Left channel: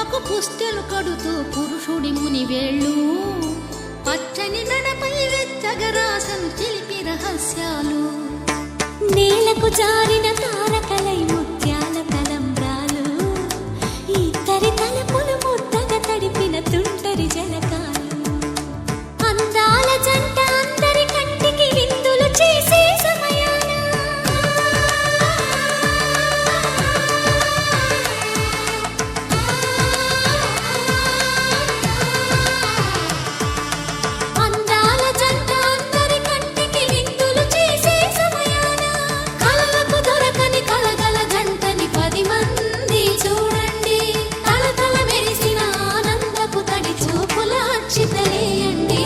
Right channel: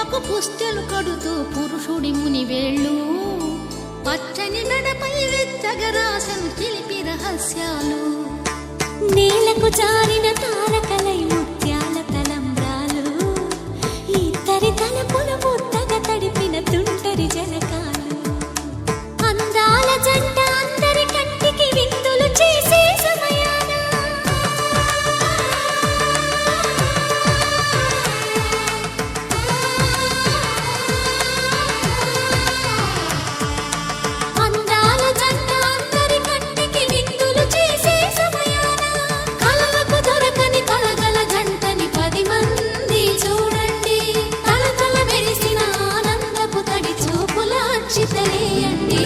గువ్వకు పుస్తెలు కడుతూ పురుషుడి ముని వేళ్ళు పచ్చని మెడపై వెచ్చగరాసను చిలిపి రహస్యాలు నేలకు జారిన తారకలై ముత్యాల తలంబ్రాలు ఇద్దరి తలపులు ముద్దగా తడిపిన తుంటరి జలకాలు అందాల జంట అందరి కంటికి విందులు చేసే సమయాన అందాల జంట అందరి కంటికి విందులు చేసే సమయాన కలలకు దొరకని కలగల జంటని 10 మంది చూడండి తలతల మెరిసిన ఆనందపు తడి చూపుల అక్షితలేయండి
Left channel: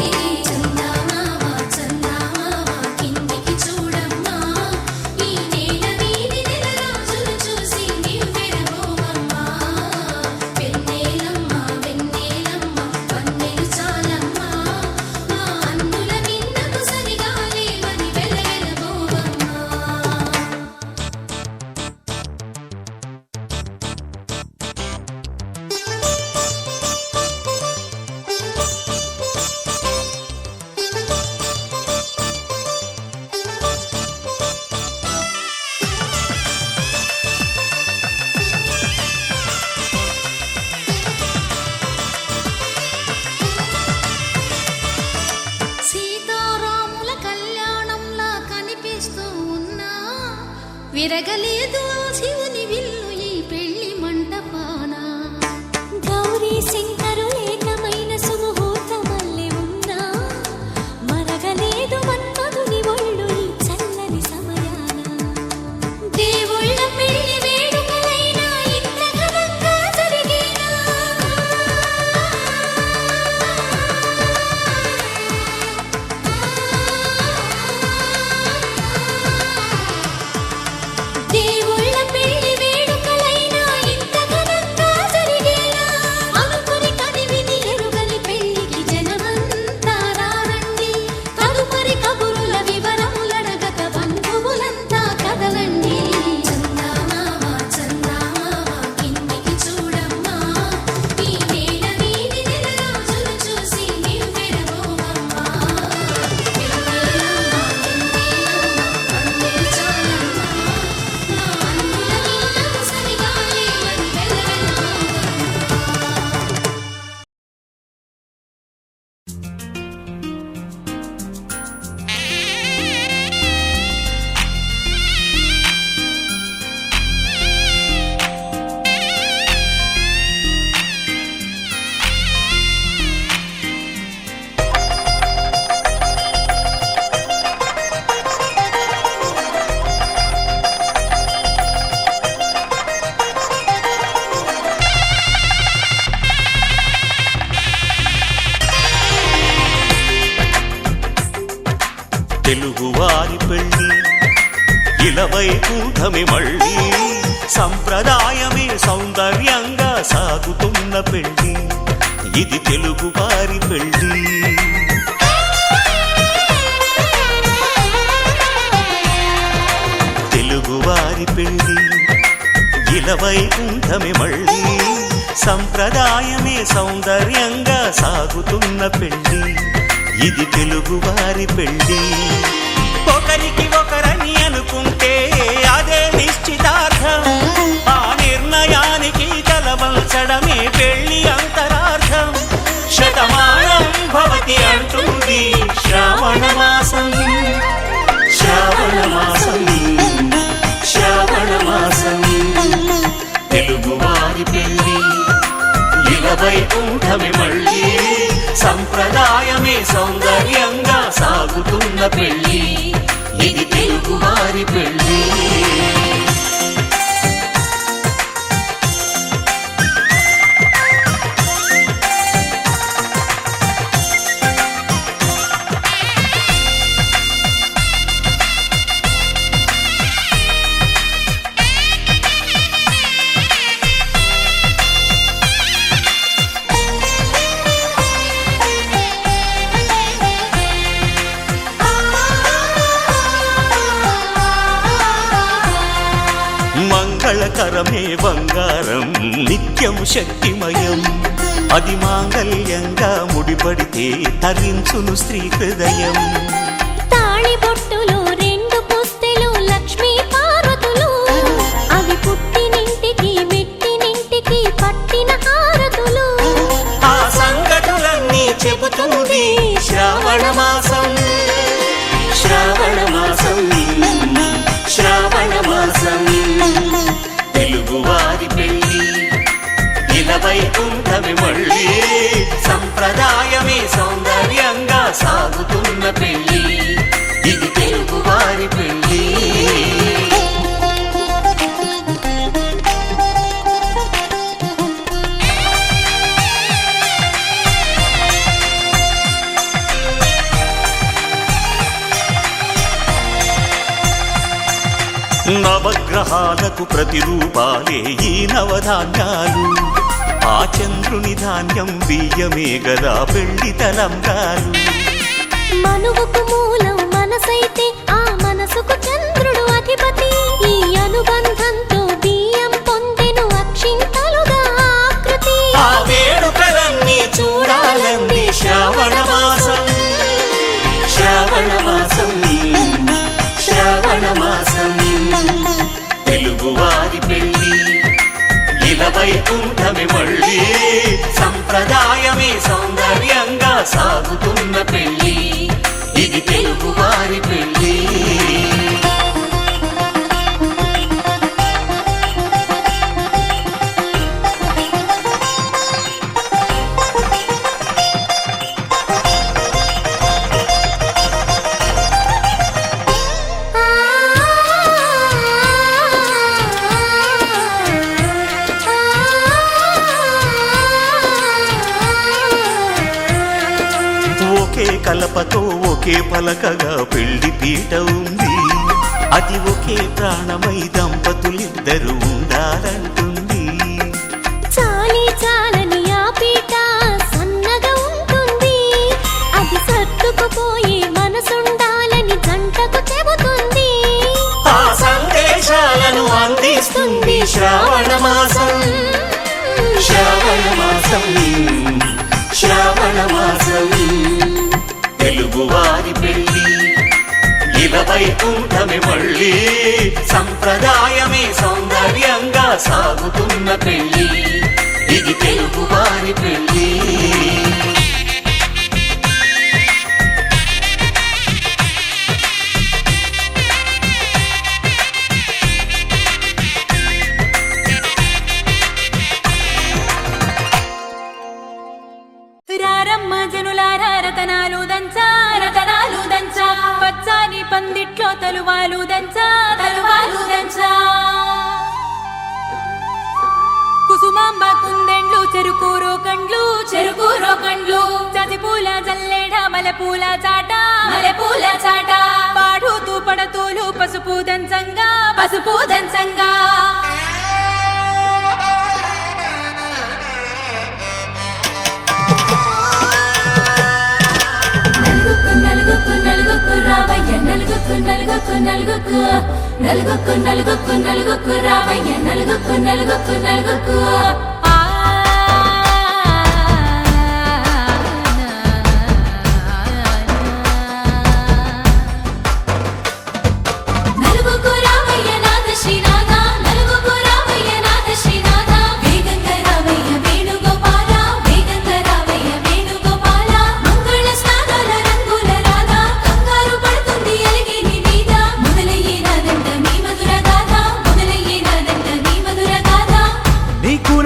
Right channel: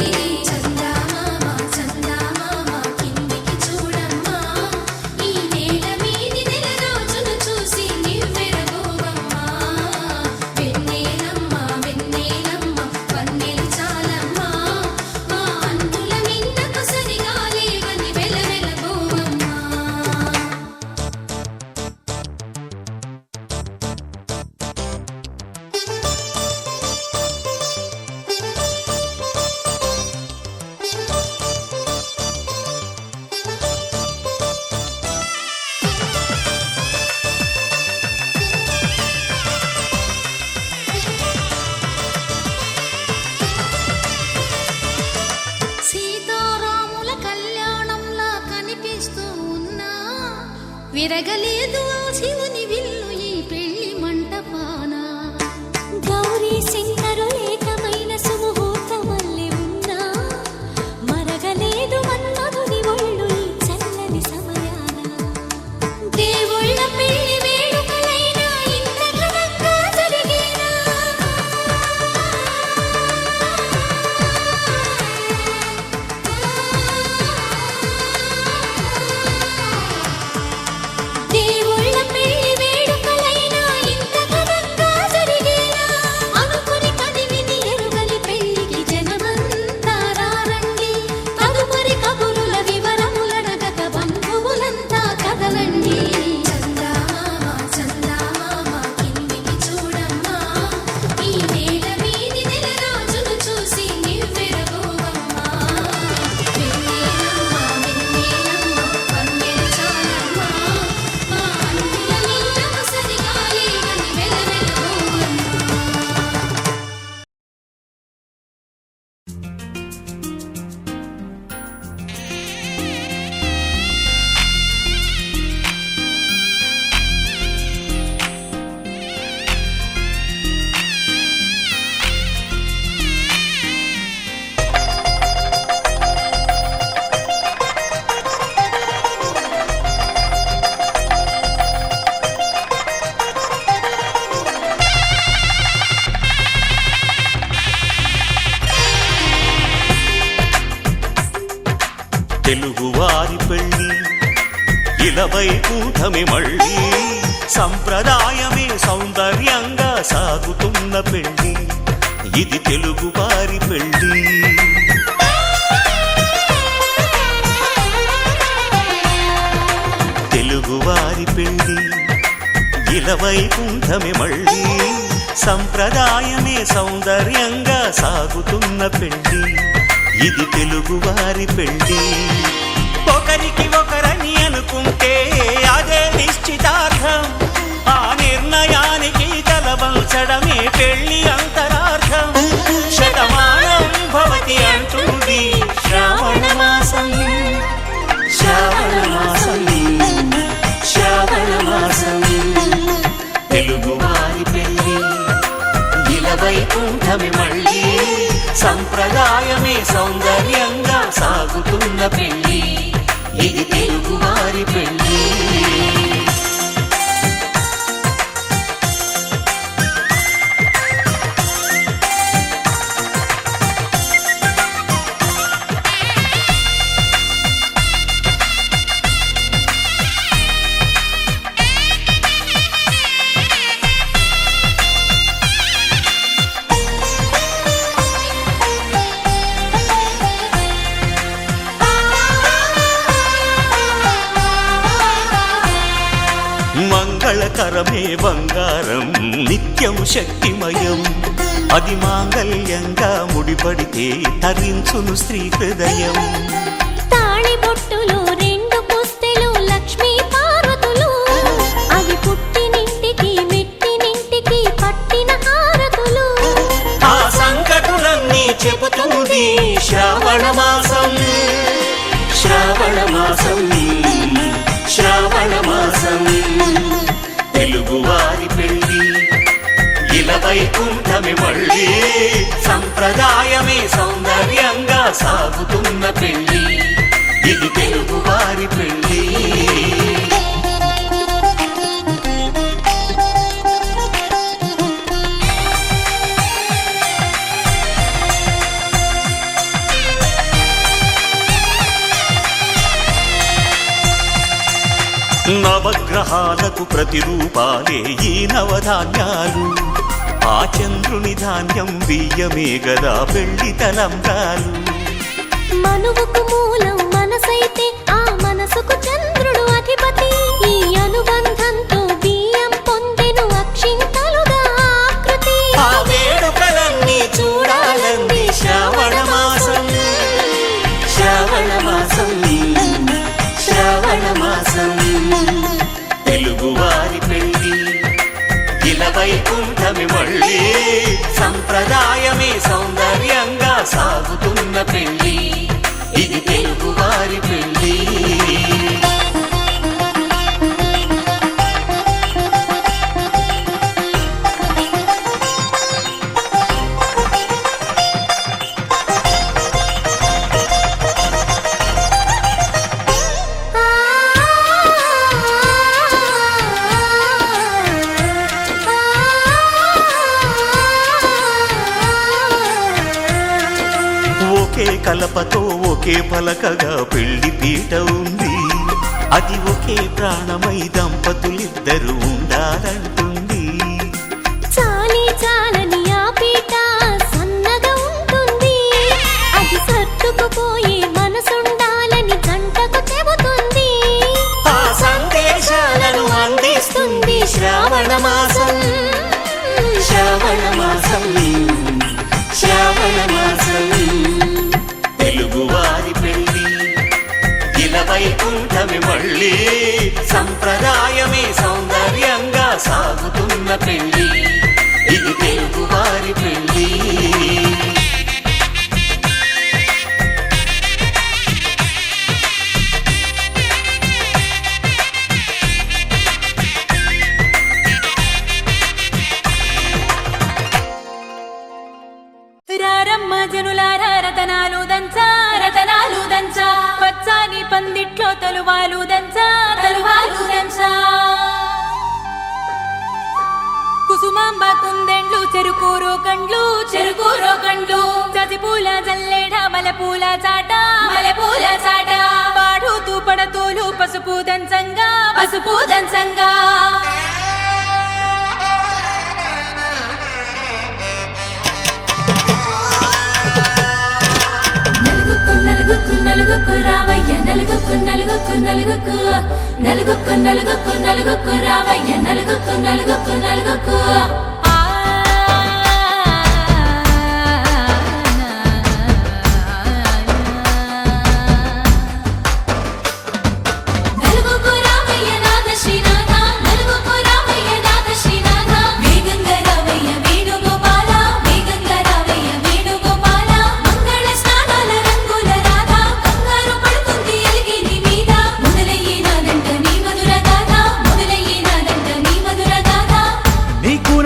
సీతారాముల కళ్యాణంలా కనిపిస్తూ ఉన్నా విరగలేదు ఆ శివుని విల్లు ఈ పెళ్లి మంటపాన గౌరీ శంకరులేకమైన సుముహూర్తమల్లె ఉన్నా మరగలేదు మన్మధుని ఒళ్ళు ఈ చల్లని సమయాన దేవుళ్ళ పెళ్లి వేడుకలైనా ఇంత ఘనంగా జరిగేనా దేవుళ్ళ పెళ్లి వేడుకలైనా ఇంత ఘనంగా జరిగేనా అనుకుని కదివిని ఎరుగని పెళ్లికి జనమంతా రారండి తదుపరి కబురుల వివరములడగక బంధువులంతా కదలండి తెలుగువారి పెళ్ళి ఇలవైకుంఠమే మళ్ళీ సంప్రదాయమే సౌందర్యంగా సాగుతున్న పెళ్ళి ఇది తెలుగువారి పెళ్ళి తెలుగువారి పెళ్ళి ఇలవైకుంఠమే మళ్ళీ సంప్రదాయమే సౌందర్యంగా సాగుతున్న పెళ్ళి ఇది తెలుగువారి పెళ్ళి ఒకరికి ఒకరని అనుకుంటే అదే నిశ్చితార్థం ఆ నిర్ణయానికి తలవంచడమే పెళ్ళి అంతరార్థం శతమానం భవతి అంటుంది శ్రావణ మాసం శ్రావణ మాసం శ్రావణ మాసం తెలుగువారి పెళ్ళి ఇలవైకుంఠమే మళ్ళీ సంప్రదాయమే సౌందర్యంగా సాగుతున్న పెళ్ళి ఇది తెలుగువారి పెళ్ళి మంగళకరమే బంగారం నిత్యం శక్తిమయం అది మాంగళ్యంగా ముడిపడితే తరించును స్త్రీ హృదయం తాళి బొట్టులు రెండు పుస్తెలు లక్ష్మీ పార్వతులు అవి పుట్టినింటికి మెట్టినింటికి పట్టిన హారతులు ఆ సంకటులన్నీ చెబుతుంది శ్రావణ మాసం శ్రావణ మాసం శ్రావణ మాసం తెలుగువారి పెళ్ళి ఇలా వైకుంఠమి మళ్ళీ సంప్రదాయమే సౌందర్యంగా సాగుతున్న పెళ్ళి ఇది తెలుగువారి పెళ్ళి నవగ్రహాలకు ప్రతిరూపాలే ఈ నవధాన్యాలు ఆ చంద్రుని ధాన్యం బియ్యమే గదా పెళ్లి తలంబ్రాలు మనువుకు మూలం మనసైతే ఆ మనసుకు చంద్రుడు అధిపతి ఈ అనుబంధంతో బియ్యం పొందెను అక్షింతలుగా ఆకృతి ఆ వేడుకలన్నీ చూడాలంది శ్రావణ మాసం శ్రావణ మాసం శ్రావణ మాసం తెలుగువారి పెళ్ళి ఇలా వైకుంఠమి మళ్ళీ సంప్రదాయమే సౌందర్యంగా సాగుతున్న పెళ్ళి ఇది తెలుగువారి పెళ్ళి ఒకే కలపతో ఒకే పలకగా పెళ్లి పీట ఉంది అది ఒకే ప్రాణమై దంపతులిద్దరూ ఉండాలంటుంది చాలి చాలని ఆ పీట సన్నగా ఉంటుంది అది సర్దుకుపోయే మనసుండాలని జంటకు చెబుతుంది ఆ సందేశాలను అందిస్తుంది శ్రావణ మాసం శ్రావణ మాసం శ్రావణ మాసం తెలుగువారి పెళ్ళి ఇలా వైకుంఠమి మళ్ళీ సంప్రదాయమే సౌందర్యంగా సాగుతున్న పెళ్ళి ఇది తెలుగువారి పెళ్ళి రారమ్మ జనులారా రతనాలు దంచా రతనాలు దంచా పచ్చాని పందిట్లో తలువాలు దంచా తలువాలు దంచా కుసుమాంబ కుందెండ్లు చెరుకూరో కండ్లు చజిపూల జల్లేడ మలపూల చాట పాడుతూ పడతూలు పసుపు దంచంగా నలుగుకు రావయ్య నలుగుకు రావయ్య నలుగుకు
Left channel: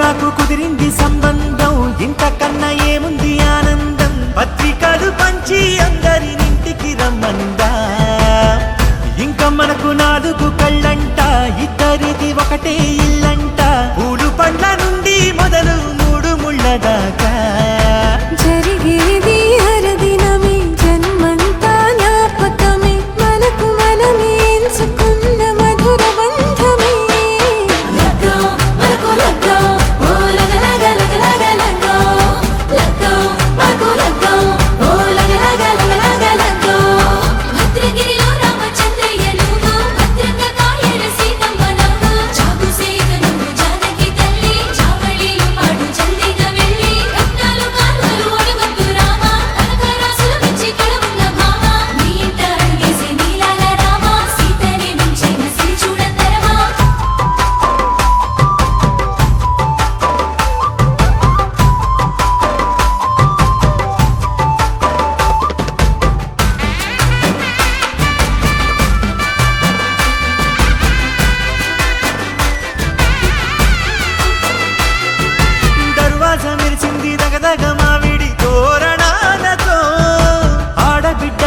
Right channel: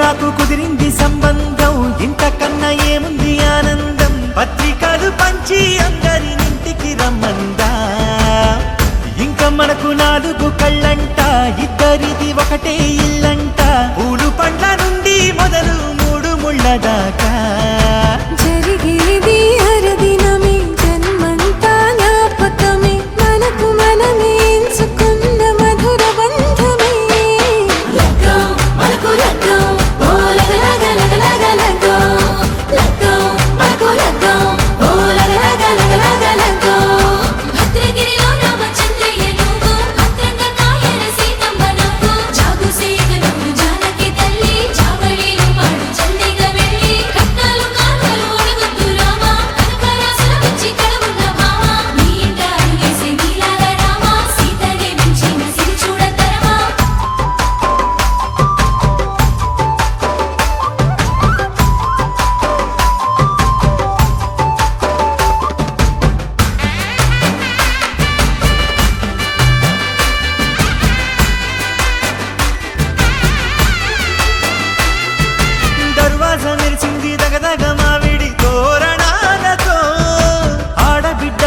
నాకు కుదిరింది సంబంధం ఇంతకన్నా ఏముంది ఆనందం పత్రికలు పంచి అందరినింటికి రమ్మందా ఇంకా మనకు 4 కళ్ళంట ఇద్దరిది ఒకటే ఇల్లంట పూలు పండ్ల నుండి మొదలు 3 ముళ్ళ దాకా జరిగేది హరదినమే జన్మంతా జ్ఞాపకమే మనకు మనమే ఎంచుకున్న మధుర బంధమే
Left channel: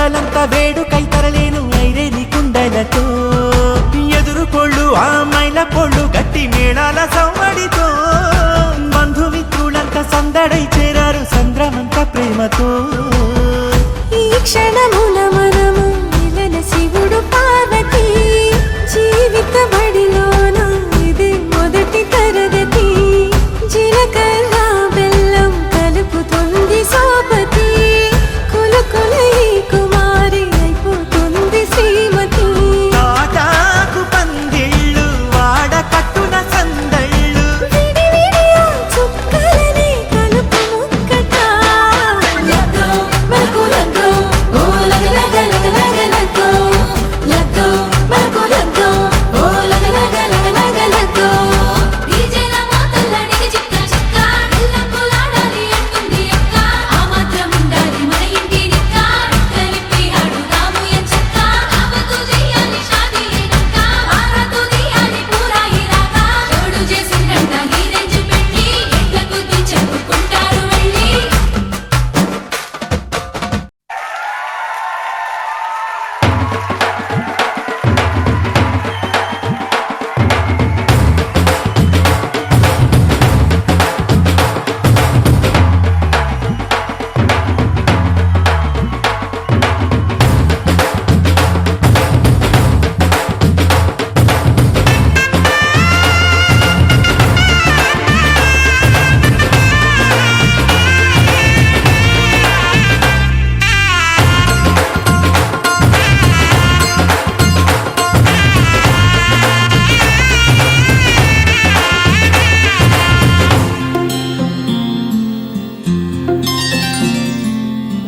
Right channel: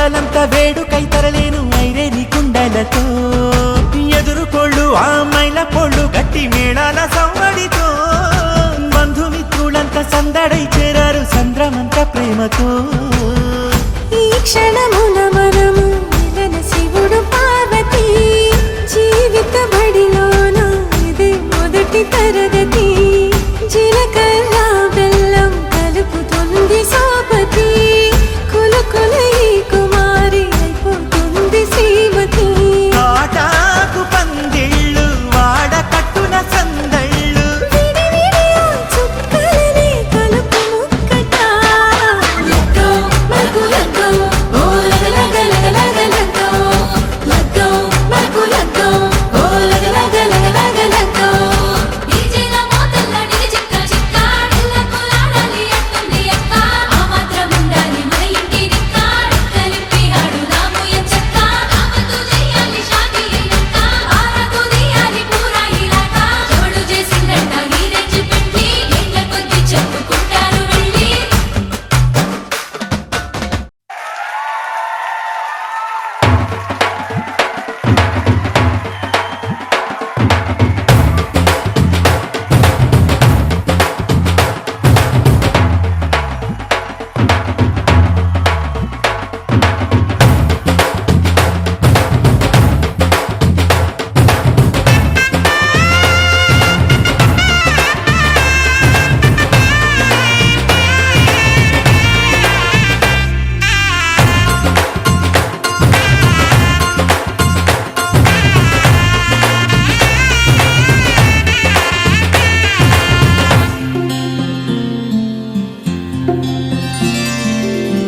ఊరలంతా వేడుకై తరలేను ఐరేని కుండలతో ఎదురుకోళ్ళు ఆ మైల పొళ్ళు గట్టి మేళాల సవ్వడితో బంధుమిత్రులంతా సందడై చేరారు సంద్రమంత ప్రేమతో ఈ క్షణమున మనము ఇలన శివుడు పార్వతి జీవిత బడిలోన ఇది మొదటి తరగతి జీలకర్ర బెల్లం కలుపుతుంది సోపతి కులుకుల ఈ కుమారి అయిపోతుంది శ్రీమతి తాటాకు పందిళ్ళు వాడ కట్టున సందళ్ళు విడివిడియా చుక్కలనే కలుపు ముక్కట లగ్గో మల్కు లగ్గో ఓ లగ లగ లగ లగ లగ్గో లగ్గో మల్కు లగ్గో ఓ లగ లగ లగ లగ లగ్గో డీజేల మోతల్లడికి చిక్క చిక్క డిల్లకులాడాలి అంటుంది అక్క ఆ మాత్రం ఉండాలి మన ఇంటి నిక్క నిక్కలిప్పి ఆడుదాము ఎచ్చక్క ఆమెతో చెయ్యాలి షాదీ అక్క ఆరతో తీయాలి పూరా ఇలాక తోడు చేసిందంట గీరెంజ్ పెట్టి ఎట్ల కొద్ది చెప్పుకుంటారు వెళ్ళి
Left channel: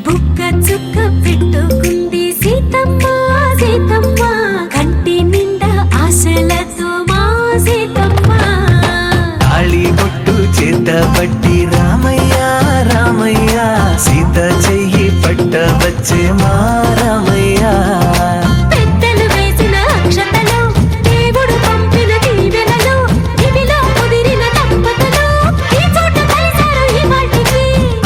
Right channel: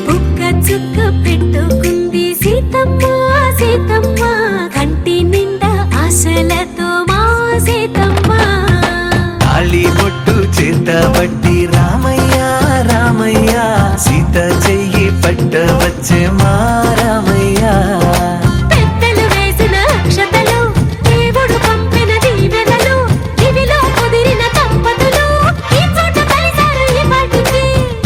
బుక్క చుక్క పెట్టుకుంది సీతమ్మ సీతమ్మ కంటి నిండా ఆశలతో మా సీతమ్మ తాళి బొట్టు చేత బట్టి రామయ్య రామయ్య సీత చెయ్యి పట్ట వచ్చే మా రామయ్య పెద్దలు వేసిన అక్షతలు దేవుడు పంపిన దీవెనలు ఇవిలో కుదిరిన దంపతులు ఈ చోట కలిసారు ఈ పాటికి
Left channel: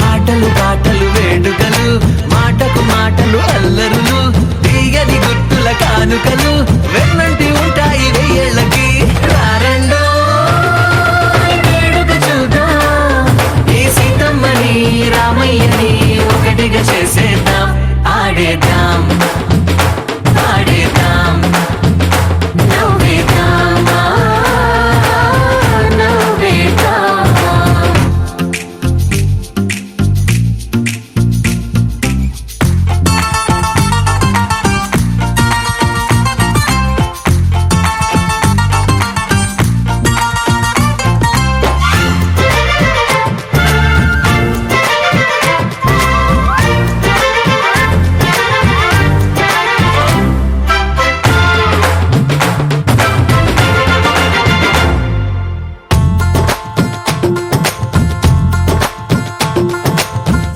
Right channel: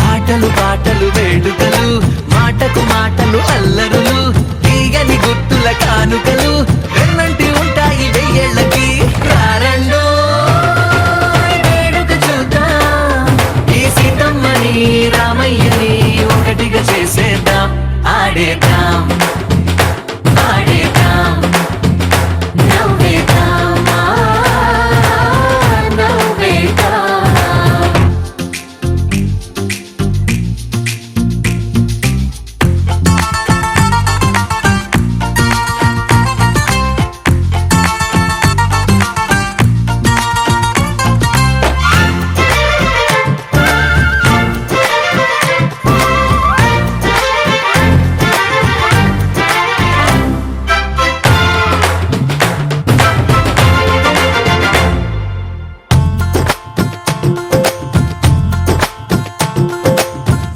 ఆటలు పాటలు వేడుకలు మాటకు మాటలు అల్లరులు తీయని గుర్తుల కానుకలు వెన్నంటి ఉంటాయి వెయ్యేళ్ళకి రారండో వేడుక చూద్దాం ఈ సీతమ్మని రామయ్యని ఒకటిగా చేసేద్దాం ఆడేద్దాం ఆడేద్దాం నవ్వేద్దాం నవ్వేద్దాం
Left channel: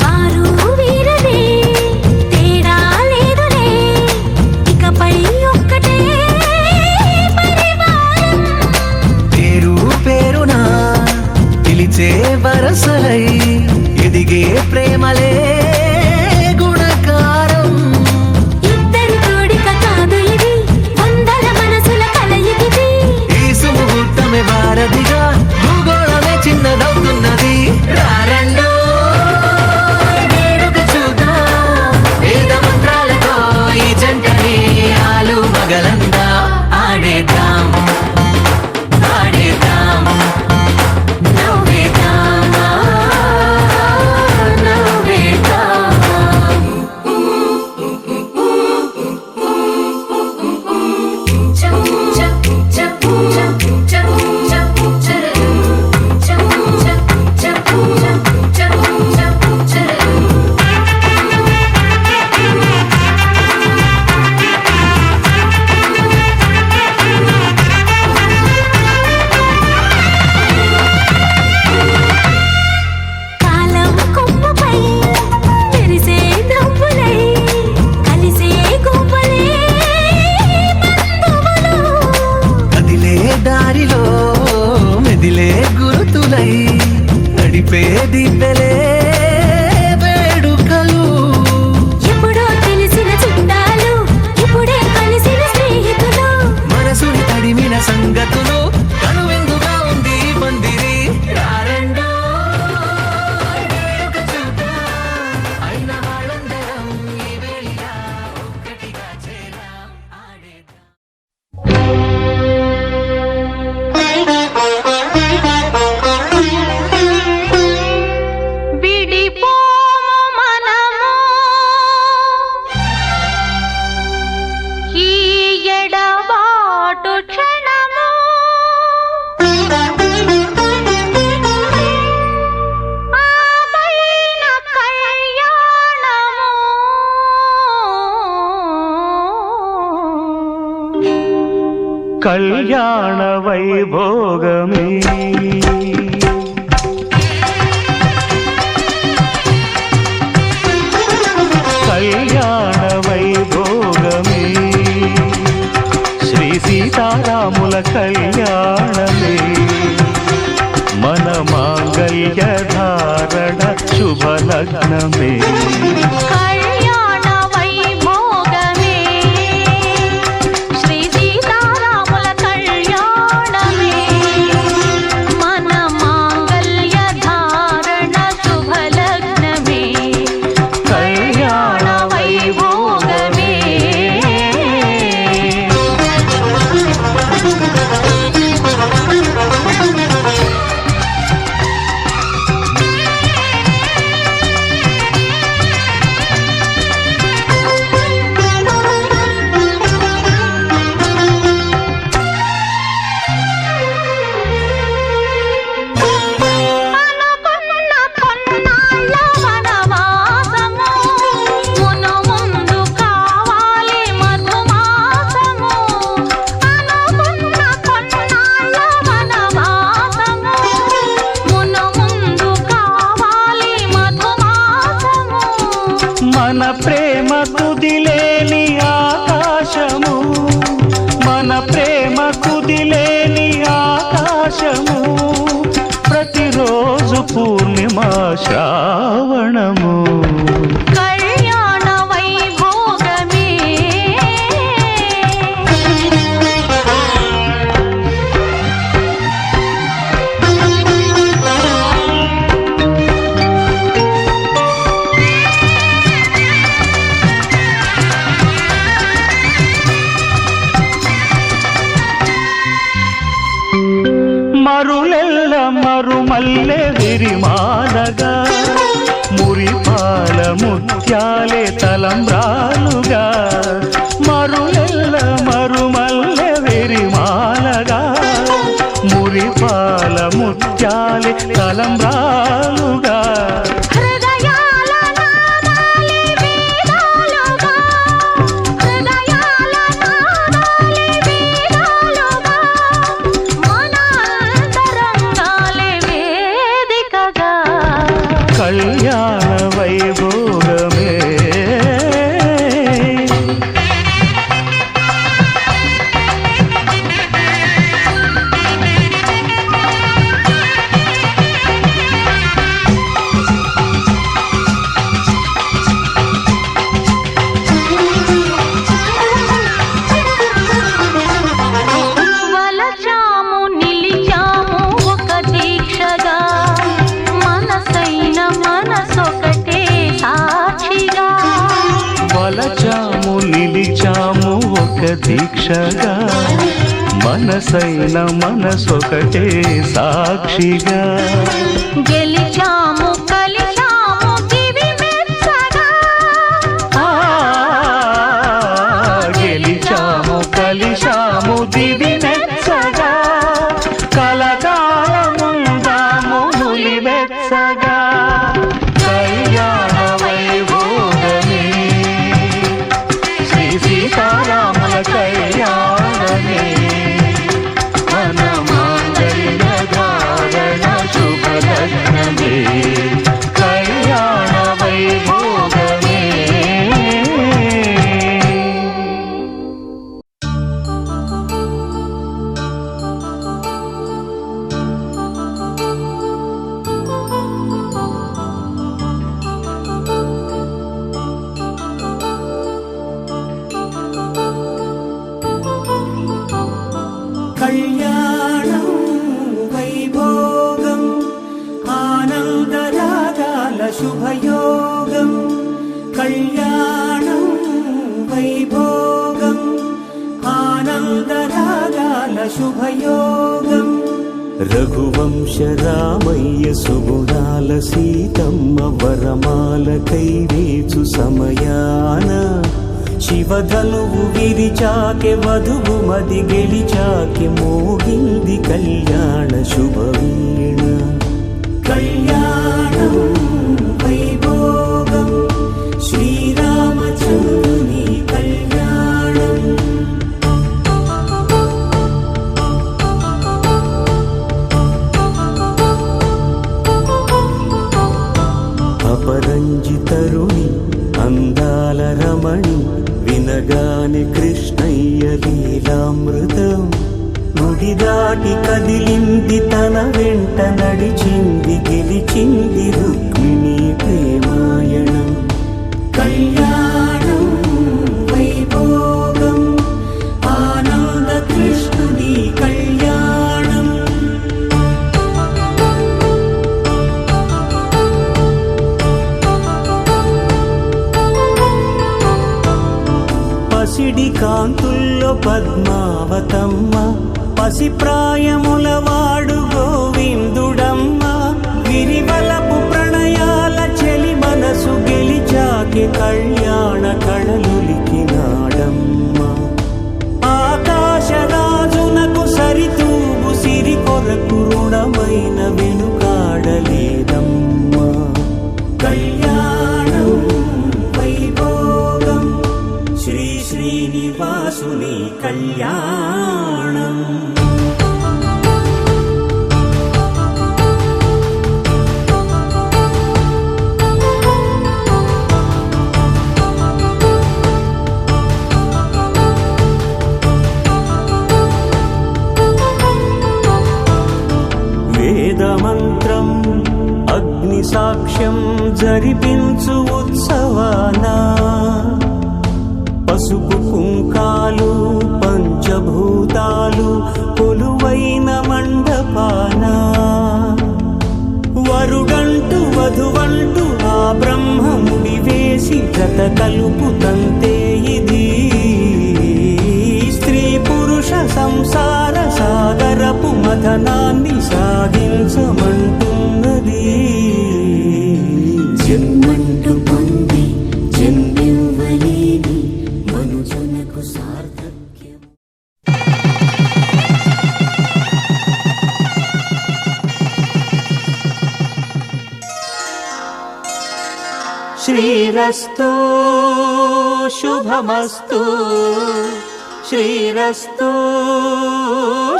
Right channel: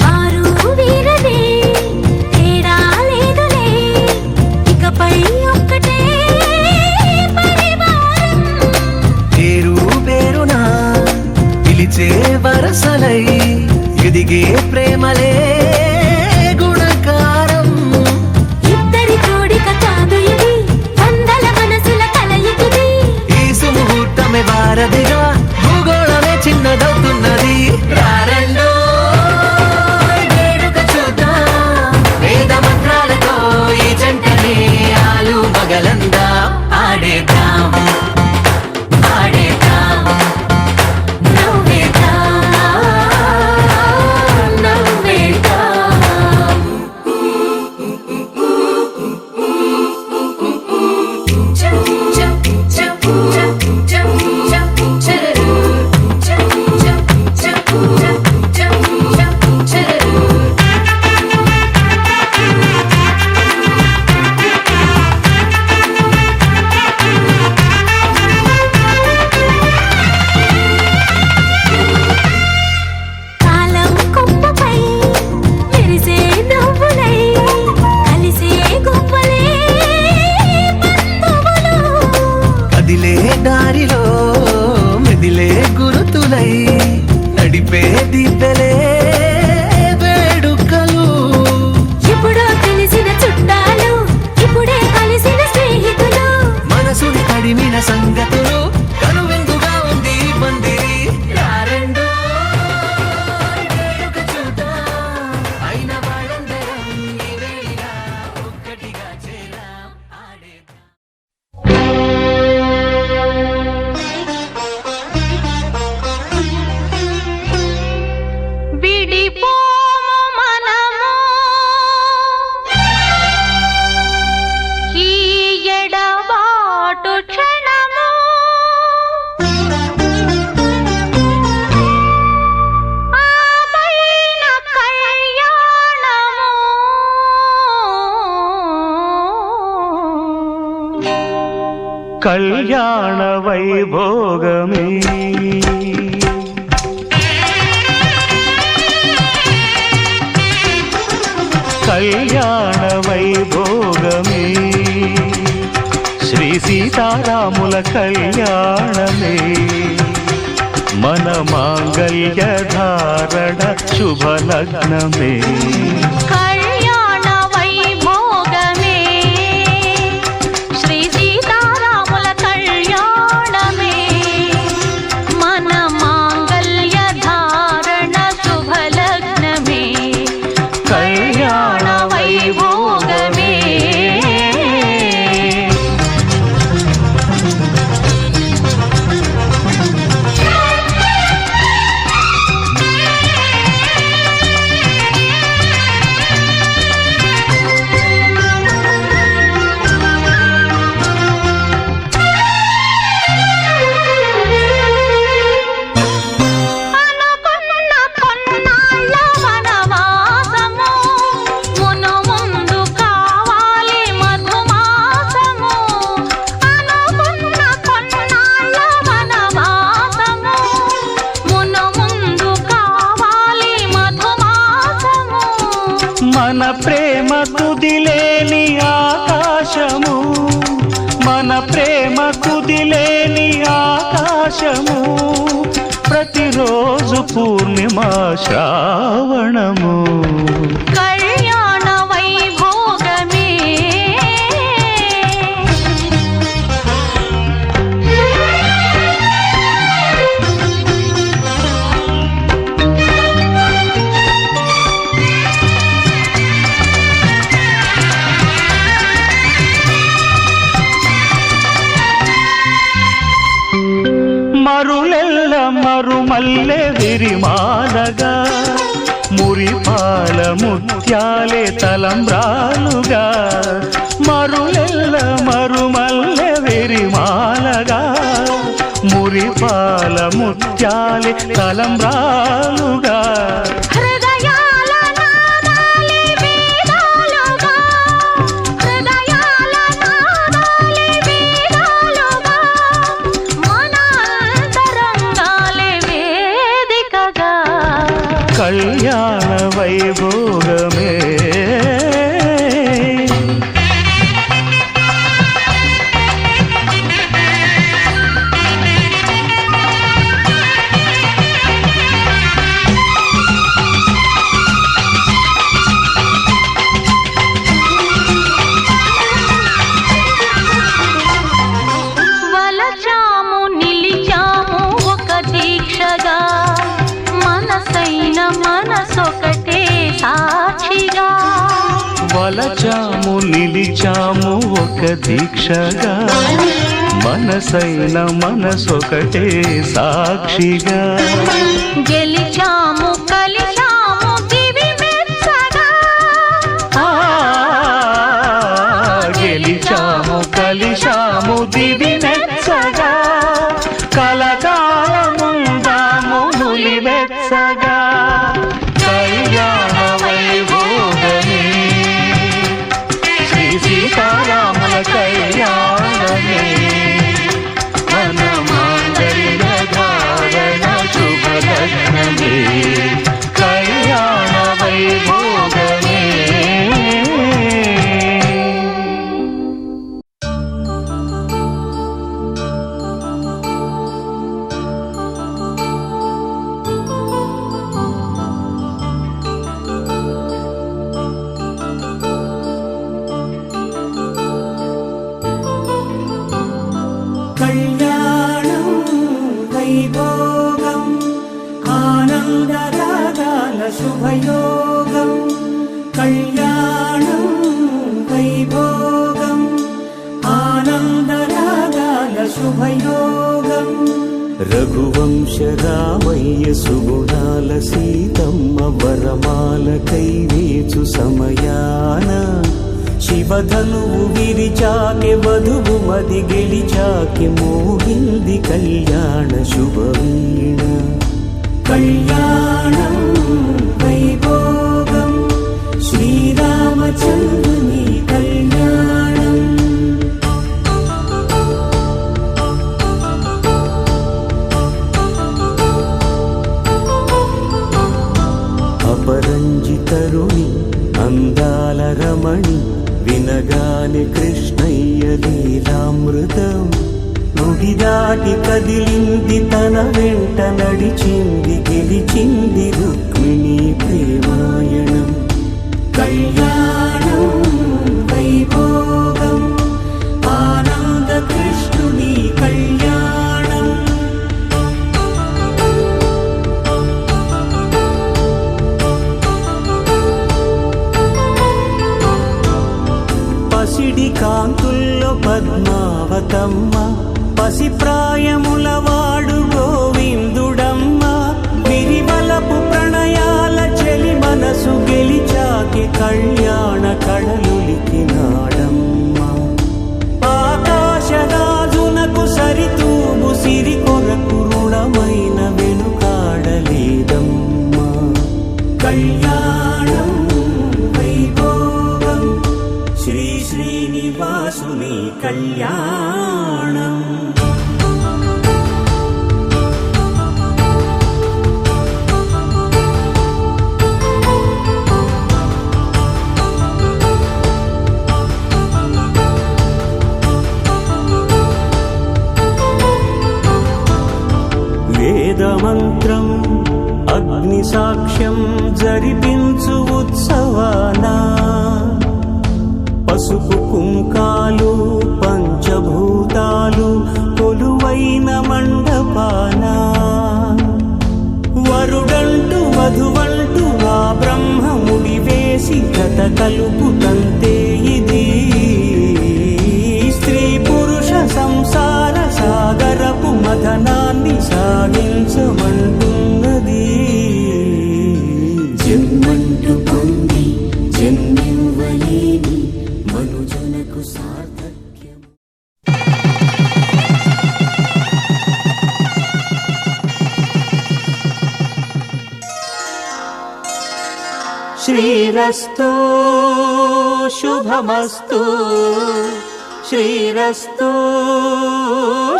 వారు వీరనే తేడా లేదులే ఇకపై ఒక్కటే పరివారం పేరు పేరున పిలిచే వరసలై ఎదిగే ప్రేమలే గుణకారం ఇద్దరి కోడిక కాదు ఇది వందల మనసుల కలయికిది ఈ సుముహూర్తమే వారధిగా భూగోళమే చిన్నదవుతున్నది రారండో వేడుక చూద్దాం వేద మంత్రాలతో ఈ జంటని ఆలు మగలందా ఆడేద్దాం ఆడేద్దాం నవ్వేద్దాం నవ్వేద్దాం సంగతులు కనువిందుగా ఉంది ఈ పందిరి రారెండో వేడుక చూద్దాం అయిన వాళ్ళందరం ఈ వేళ ఒక్కటిగా చేరాం ఆడేద్దాం విడిపోము మనము ఈ ఎడబాటు క్షణము ఆపైన కళ్యాణము కళ్యాణ వైభోగమే కళ్యాణ వైభోగమే శ్రీ సీతారాముల కళ్యాణమే మన మాంగళ్య ధారణ శుభలగ్నమే కళ్యాణ వైభోగమే శ్రీ సీతారాముల కళ్యాణమే మన మాంగళ్య ధారణ శుభలగ్నమే కళ్యాణ వైభోగమే అనుకున్న కొన్నాళ్ళ వనవాసము మును ముందు కావాలి మధుమాసము అనుకున్న కొన్నాళ్ళ వనవాసము మును ముందు కావాలి మధుమాసము మన ప్రేమ కుదిలేని ఆకాశము మన ప్రేమ కుదిలేని ఆకాశము ప్రతిరోజు పూర్ణిమ శ్రావణము కళ్యాణ వైభోగమే మరులెల్ల మరుమల్లె విరిమాలగా మురిపాల ముత్యాలే తలంబ్రాలుగా మరులెల్ల మరుమల్లె విరిమాలగా మురిపాల ముత్యాలే తలంబ్రాలుగా హృదయాల నాదాలే వేదాలుగా హృదయాల నాదాలే వేదాలుగా మన అంతరంగాలే వేదికగా కళ్యాణ వైభోగమే వలచాము నిలిచాము ఒక దీక్షగా మనసైన మనసొకటే సాక్షిగా వలచాము నిలిచాము ఒక దీక్షగా మనసైన మనసొకటే సాక్షిగా గెలిచాము కలిశాము దివి మెచ్చగా ఆ, గెలిచాము కలిశాము దివి మెచ్చగా కలకాలముందాము నులివెచ్చగా కళ్యాణ వైభోగమే శ్రీ సీతారాముల కళ్యాణమే మన మాంగళ్య ధారణ శుభలగ్నమే కళ్యాణ వైభోగమే కళ్యాణం వైభోగం ఆనందరాగాల శుభయోగం కళ్యాణం వైభోగం ఆనందరాగాల శుభయోగం రఘువంశ రామయ్య సుగుణాల సీతమ్మ వరమాల కైవేచు సమయాన శివధనువు విరిచాకె వధువు మది గెలిచాకె మోగింది కళ్యాణ శుభవీణ కళ్యాణం వైభోగం శ్రీరామచంద్రుని కళ్యాణం అపరంజి తరుణి అందాల రమణి వినగాని కృష్ణయ్య లీలామృతం గుడి దాటి కదిలింది తన వెంట నడిచింది గెలిచింది రుక్మిణి ప్రేమాయణం కళ్యాణం వైభోగం ఆనంద కృష్ణుని కళ్యాణం పసిడి కాంతుల్లో పద్మావతమ్మ పసిప్రాయముల వాడు గోవిందుడమ్మ విరివలపు ప్రణయాల చెలి మనసు గెలిచాకే కళ్యాణ కళలులికినాడమ్మ ఆకాశరాజునకు సరితూగు సిరి కొరకు రుణమైన వెనుకాడలేదమ్మ కళ్యాణం వైభోగం శ్రీ శ్రీనివాసుని కళ్యాణం వేదమంత్రం అగ్ని సాక్ష్యం జరిపించు ఉత్సవానా పసుపు కుంకాలు పంచభూతాలు కొలువైన మండపాన వరుడంటూ వధువంటూ ఆ బ్రహ్మముడి వేసి జత కలుపుతంతే ఇది స్త్రీ పురుష సంసార సాగరపు మథనాన్ని సాగించమంటున్నది జన్మంటూ పొంది జన్మివ్వలేని మనుజునకు సార్థక్యం శ్రీరస్తు శుభమస్తు శ్రీరస్తు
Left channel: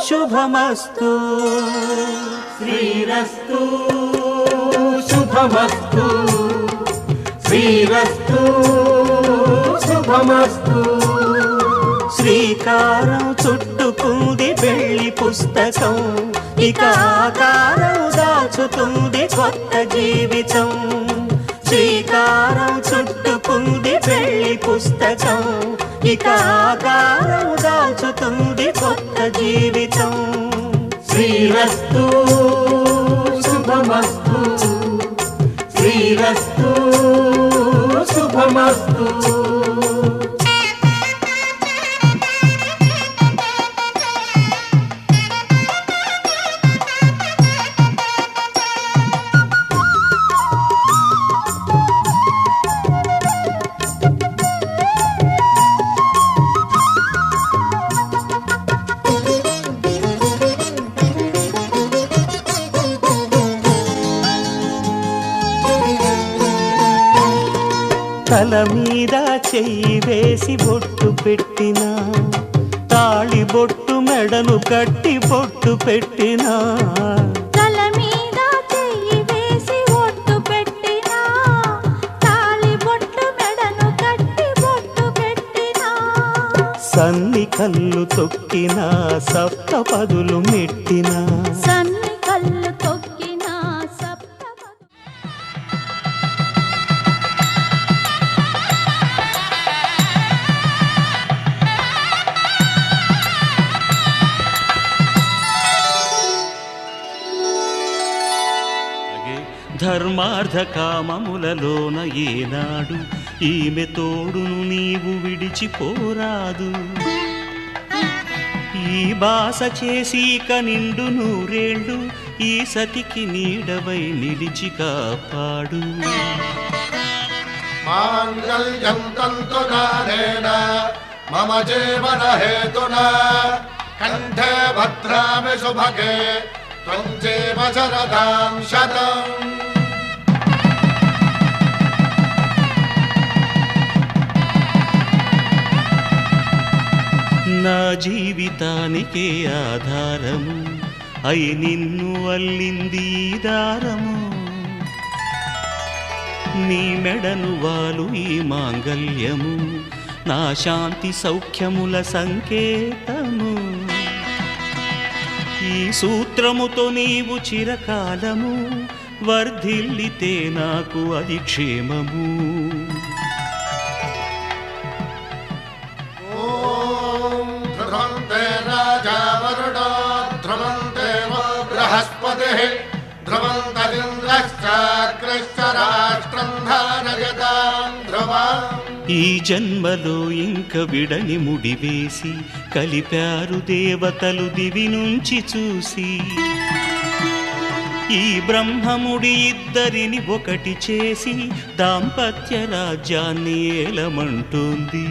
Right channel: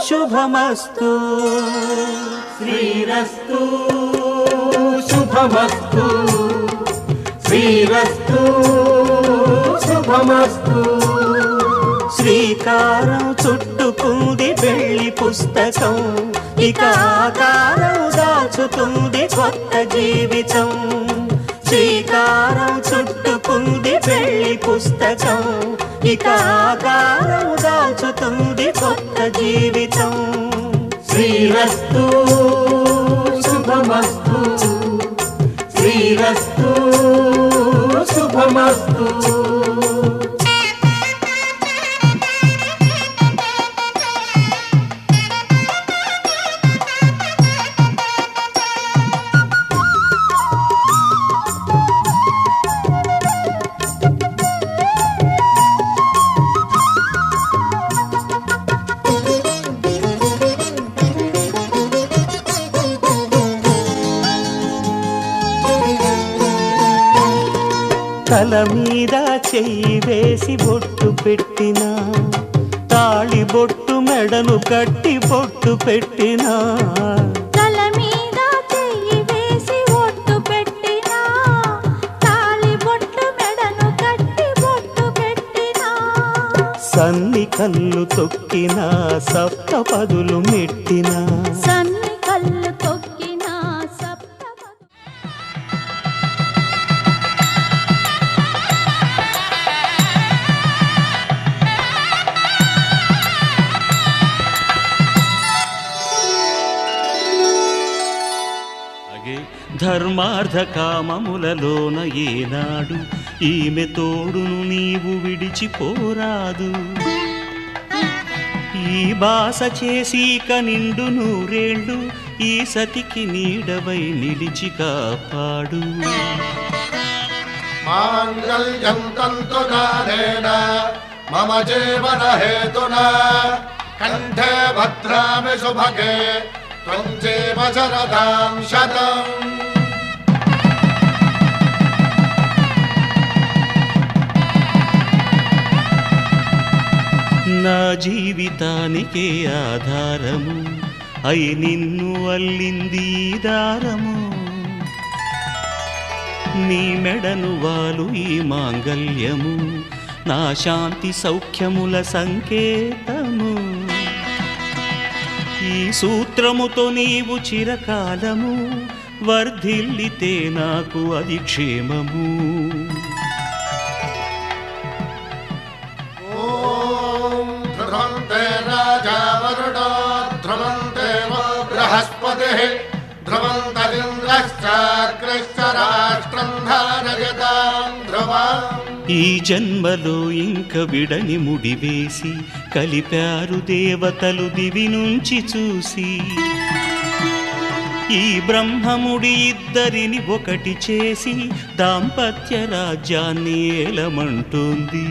శుభమస్తు శ్రీరస్తు శుభమస్తు శ్రీరస్తు శుభమస్తు శ్రీకారం చుట్టుకుంది పెళ్లి పుస్తకం ఇక ఆకారం దాచుతుంది కొత్త జీవితం శ్రీకారం చుట్టుకుంది పెళ్లి పుస్తకం ఇక ఆకారం దాచుతుంది కొత్త జీవితం శ్రీరస్తు శుభమస్తు శ్రీరస్తు శుభమస్తు తల మీద చెయ్యి వేసి బొట్టు పెట్టినా తాళి బొట్టు మెడను కట్టి బొట్టు పెట్టినా తల మీద చెయ్యి వేసి బొట్టు పెట్టినా తాళి బొట్టు మెడను కట్టి బొట్టు పెట్టినా సన్ని కళ్ళు తొక్కినా సప్త పదులు మెట్టినా సన్ని కళ్ళు తొక్కినా సప్త ధర్మార్థ కామములలోన ఏనాడు ఈమె తోడును నీవు విడిచిపోరాదు. ఈ బాస చేసీక నిండు నూరేళ్ళు ఈ సతికి నీడవై నిలిచి కాపాడు. మాంగళ్యం తంతునానేన మమ జీవన హేతునా కంఠే భద్రామి శుభగే త్వం జీవ శరదాం శతం. నా జీవితానికే ఆధారము అయి నిన్ను అల్లింది ఈ దారము. నీ మెడను వాలు ఈ మాంగల్యము నా శాంతి సౌఖ్యముల సంకేతము. ఈ సూత్రముతో నీవు చిరకాలము వర్ధిల్లితే నాకు అది క్షేమము. ధ్రువంతే రాజా వరుణో ధ్రువంతే బృహస్పతిః ధ్రువంతరింద్రశ్చాగ్రశ్చ రాష్ట్రం ధారయతాం ధ్రువం. ఈ జన్మలో ఇంక విడని ముడివేసి కలిపారు దేవతలు దివి నుంచి చూసి. ఈ బ్రహ్మముడి ఇద్దరిని ఒకటి చేసి దాంపత్య రాజ్యాన్ని ఏలమంటోంది.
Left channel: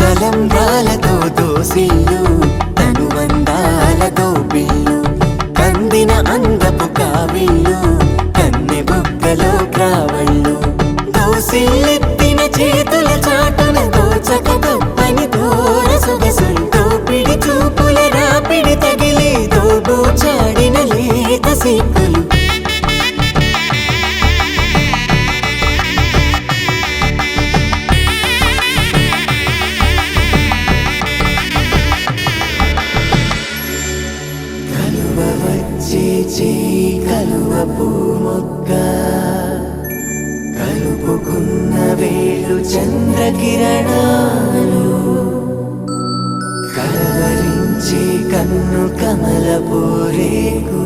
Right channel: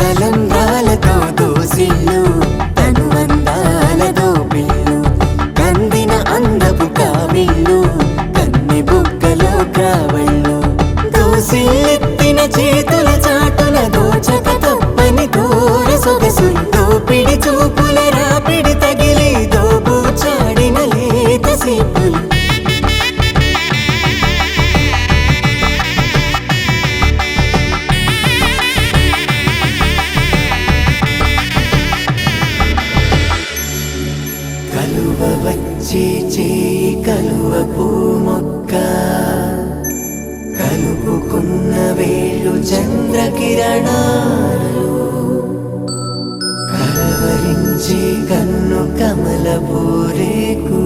కలంబ్రాలతో దోసిళ్ళు అనుబంధాలతో పిల్లు కందిన అందపు కావిళ్ళు కన్నె బుగ్గలో క్రావళ్ళు దోసిళ్ళెత్తిన చేతుల చాటున దోచక తప్పని దూర సొగసులు దోపిడి చూపుల రాపిడి తగిలి దోబూచాడిన లేత సీపులు. కలువ వచ్చే చేయి కలువ పూమొక్క కలుపుకున్న వేలు చంద్రకిరణాలు కలవరించే కన్ను కమల పూరేకు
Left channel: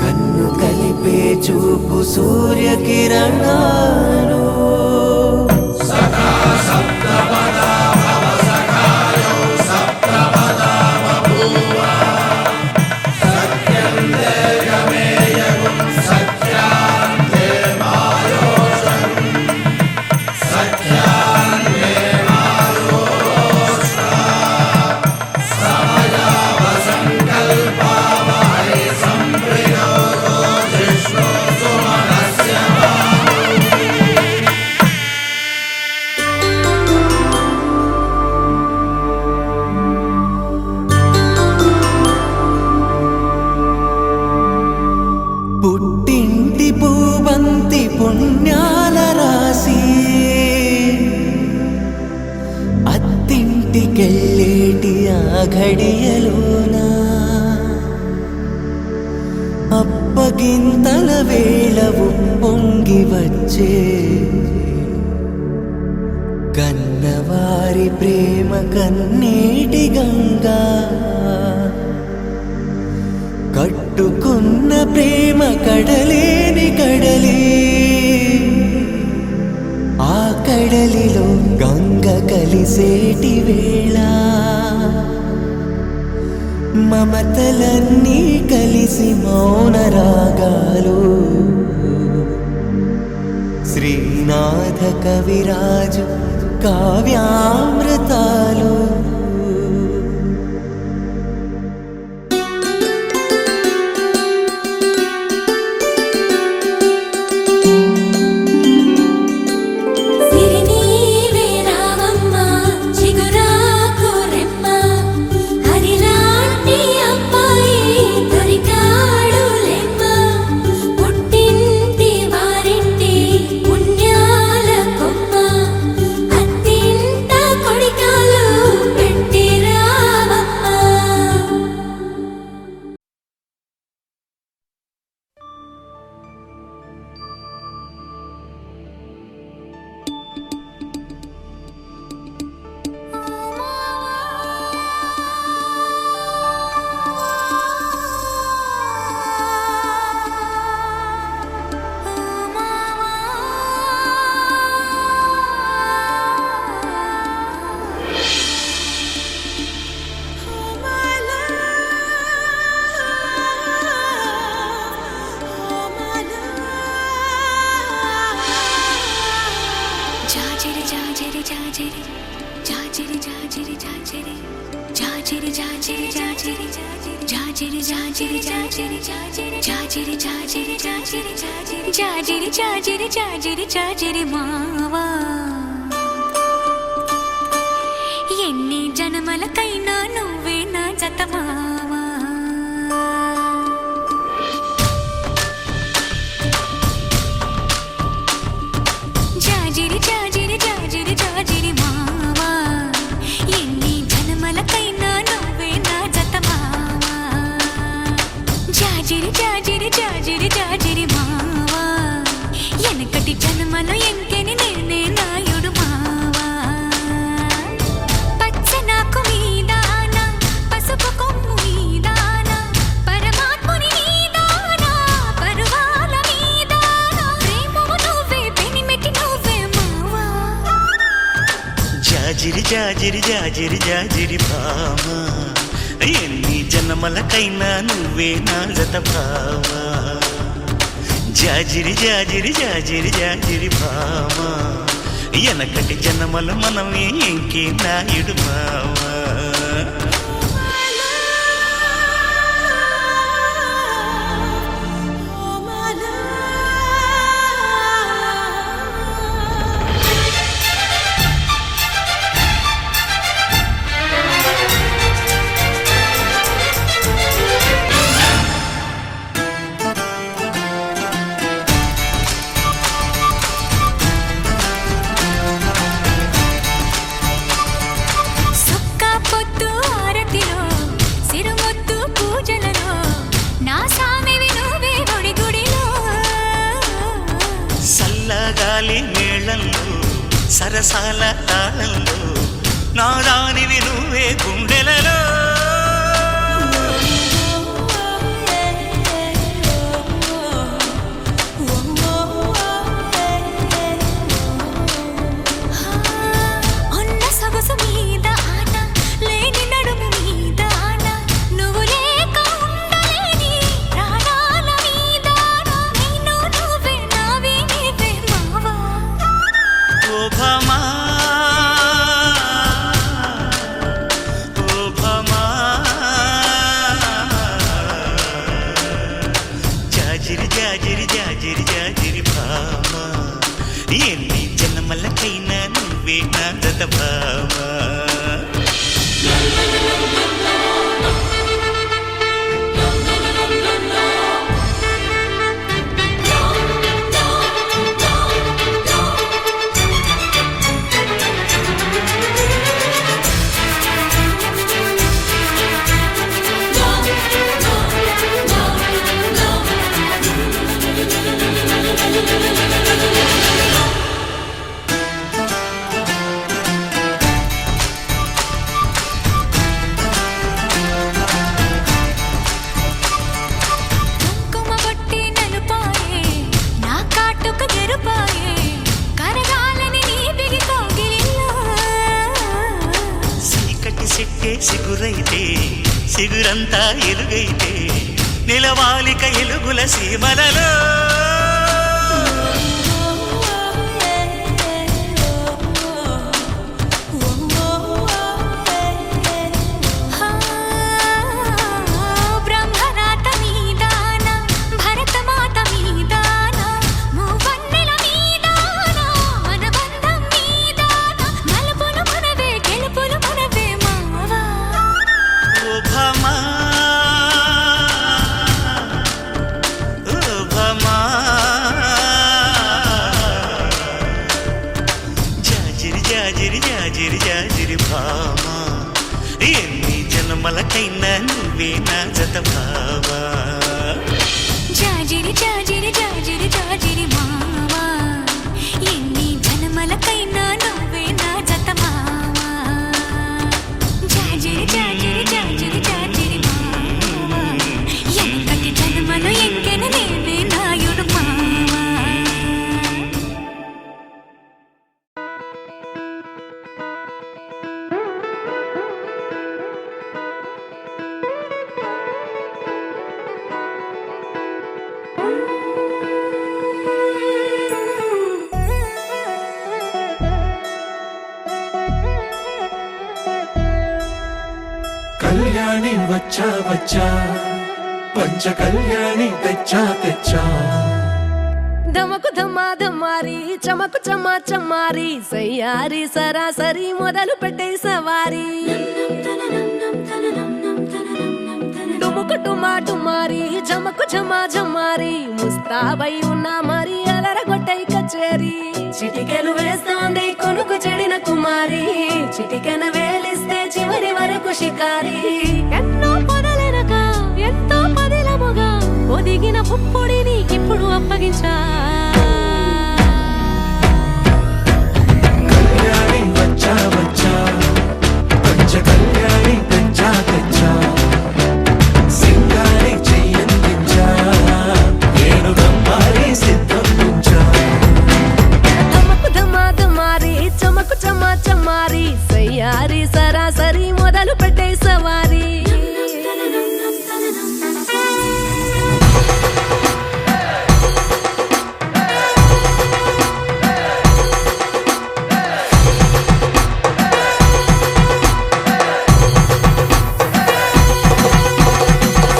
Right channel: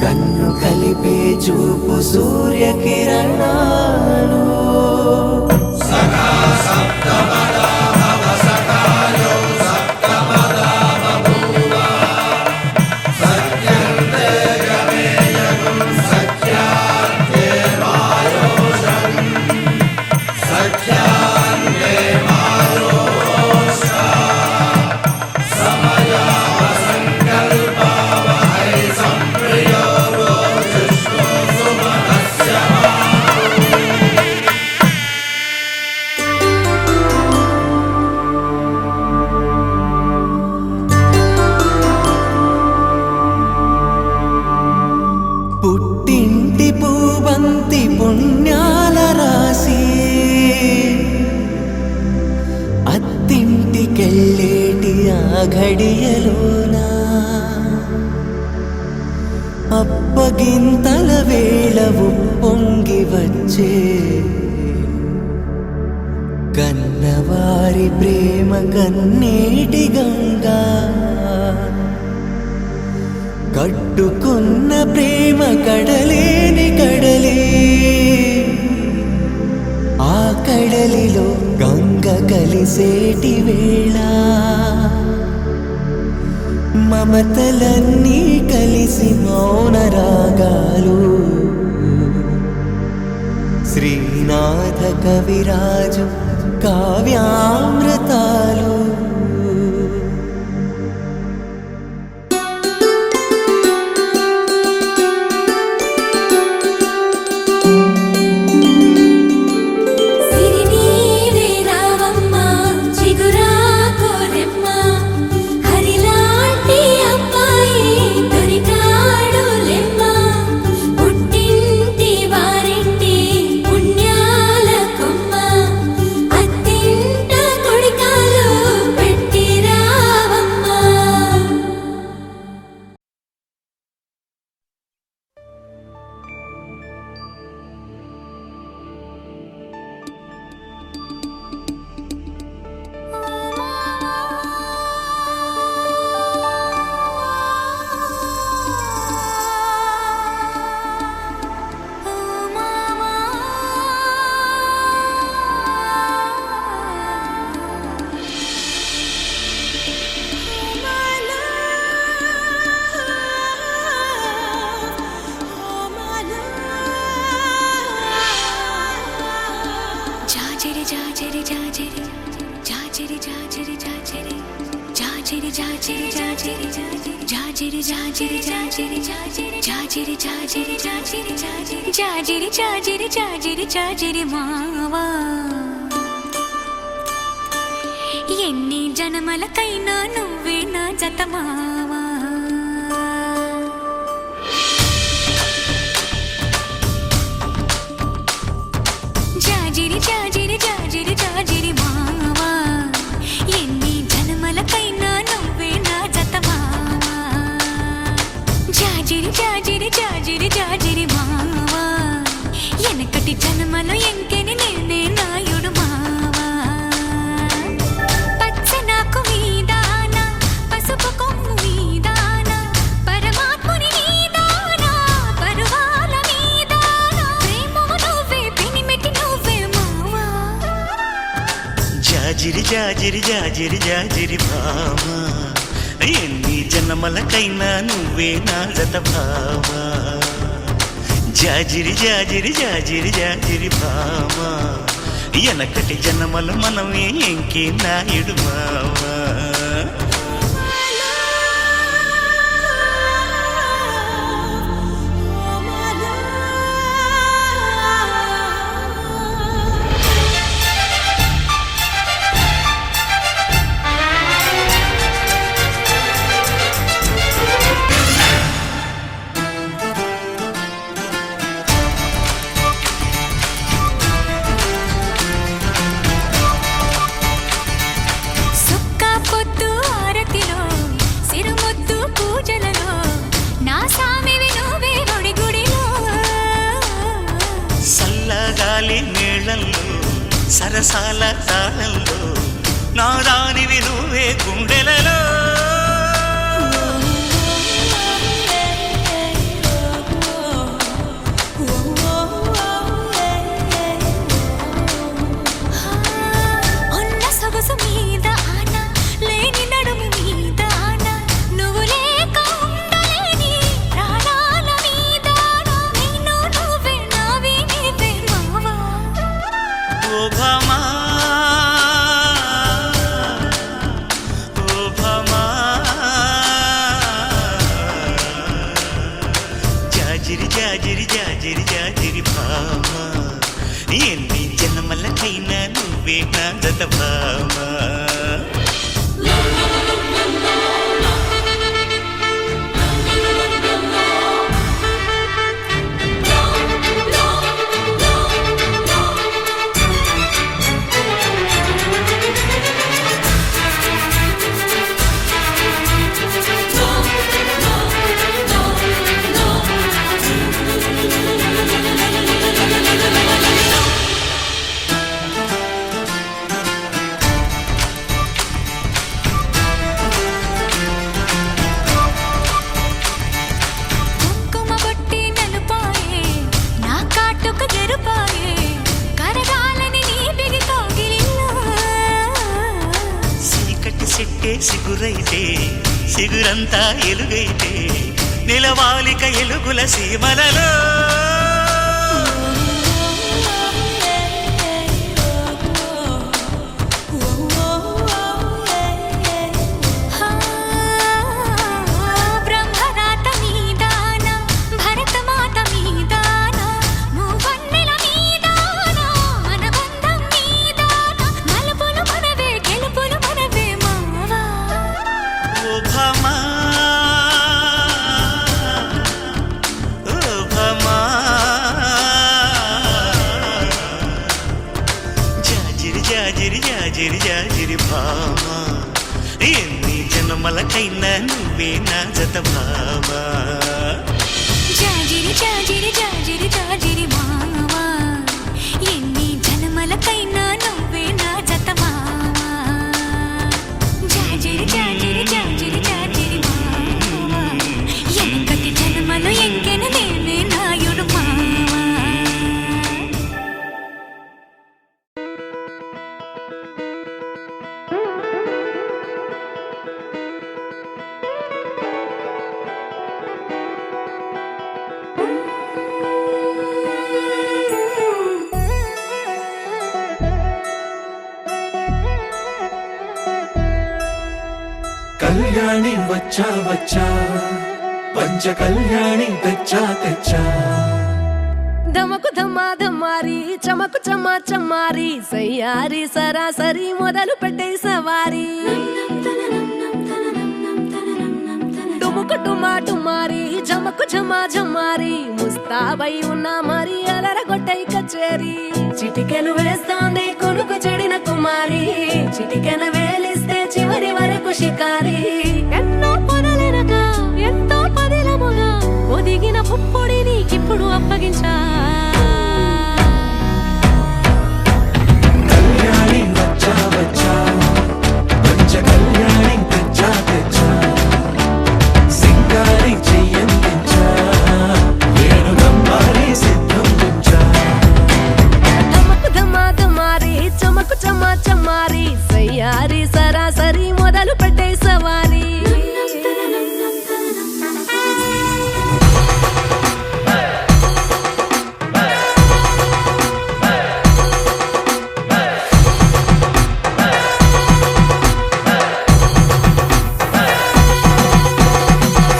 కన్ను కలిపే చూపు సూర్యకిరణాలు. పుట్టింటి పూబంతి పుణ్యాల రాసి అత్తింటికెళ్ళేటి ఆ ఘడియలోన అప్పగింతల వేళ ఉప్పొంగి వచ్చే కన్నవారి ప్రేమ కన్నీటి గంగా కట్టుకున్న ప్రేమ కడలేని కడలి ఆ కడలిలో గంగ కలిసేటి వేళ మమతలన్నీ కలిసి మౌన రాగాలు శ్రీనాథ కవిరాజు కావ్యామృతాలు జాజరి జాజరి జాజరి జాజరి జాజరి జాజరి జాజరి జాజరి జాజరి జాజరి జాజరి జాజరి జాజరి జాజరి జాజరి జాజరి జాజరి జాజరి జాజరి మావా ఎన్ని జన్మలకైనా నువ్వే నా జత మావా జాజిరి జాజిరి జాజిరి జాజిరి మావా ఎన్ని జన్మలకైనా నువ్వే నా జత మావా జాజిరి జాజిరి జాజిరి జాజిరి మావా ఎనకటి జన్మలో ఎంకెని నేనే నాయుడు మావా పచ్చనాకు మీదాన పసుపు కొమ్ము మీదాన పరమాత్ముని నీదాన పరువాల మీదాన ప్రేమము నువ్వే పెనిమిటి నువ్వే మావా జాజిరి జాజిరి జాజిరి జాజిరి భామా ఎన్ని జన్మలకైనా నువ్వే నా జత భామా జాజిరి జాజిరి జాజిరి జాజిరి భామా ఎనకటి జన్మలు మనమే ఇంకే నాయుడు మావా సుక్క పొద్దు ఆరతిలో సిరుముద్దు పూజలలో నా సామివి నువ్వే గుడి గుడిలో సల్లగాలి మేళంలో సరసాల తాళంలో నా దానివి నువ్వే గుండెలలో ఉన్న సొగసు మీద ఆన లేని నడుము మీద ఆన నువ్వు లేక ఉండలేని ప్రాణాల మీద నేను నువ్వే నావి నీవే మావా ఓ భామా ఓ భామా జాజిరి జాజిరి జాజిరి జాజిరి భామా ఎన్ని జన్మలకైనా నువ్వే నా జత భామా కుంకుమ బొట్టి నలుపాయే నా కాటుక ఎరుపాయే కరగాలని నీ బిగి కౌగిలిలో చీకటి సెట్టే సిగురైతే సిగురంతా ఎలుగైతే నిలవాలిక ఎలుగుల సీమలలో బ్రహ్మరాత మీదాన భరతమాత మీదాన మూవన్నెల మీదాన మన బంధం మీదాన మలుపులు మనవే గెలుపులు మనవే మావా ఓ భామా ఓ భామా జాజిరి జాజిరి జాజిరి జాజిరి భామా ఎన్ని జన్మలకైనా నువ్వే నా జత భామా జాజిరి జాజిరి జాజిరి జాజిరి మావా ఎన్ని జన్మలకైనా నువ్వే నా జత మావా జాజిరి జాజిరి జాజిరి జాజిరి మావా ఎనకటి జన్మలో ఎంకెన నేనే నాయుడు మావా కళ్యాణి వచ్చా వచ్చా పంచ కళ్యాణి తెచ్చా తెచ్చా ధమకు ధమా ధమారి చమకు చమా చమారి సయ్యారి సరాసరి మొదలు పెట్టే సవారి డుముకు డుమా డుమారి జమకు జమా జమారి ముస్తాబై ఉన్నా మరి అలరగొట్టై కచేరి చిటికెను వేస్తోంది కొనుకు చెడిన కుమారి చిటికెను వేలిస్తే చివరి వరకు షికారి ఎన్నో పొదలెనక ఎంతో పదిలముగా ఒదిగిన పుప్పొడి నీకిప్పుడు అప్పగించా కళ్యాణి వచ్చా వచ్చా పంచ కళ్యాణి తెచ్చా తెచ్చా సింగారి చెయ్యందించా ఏనుగమ్మారి సిద్ధం ఉంచా ధమకు ధమా ధమారి చమకు చమా చమారి సయ్యారి సరాసరి మొదలు పెట్టే సవారి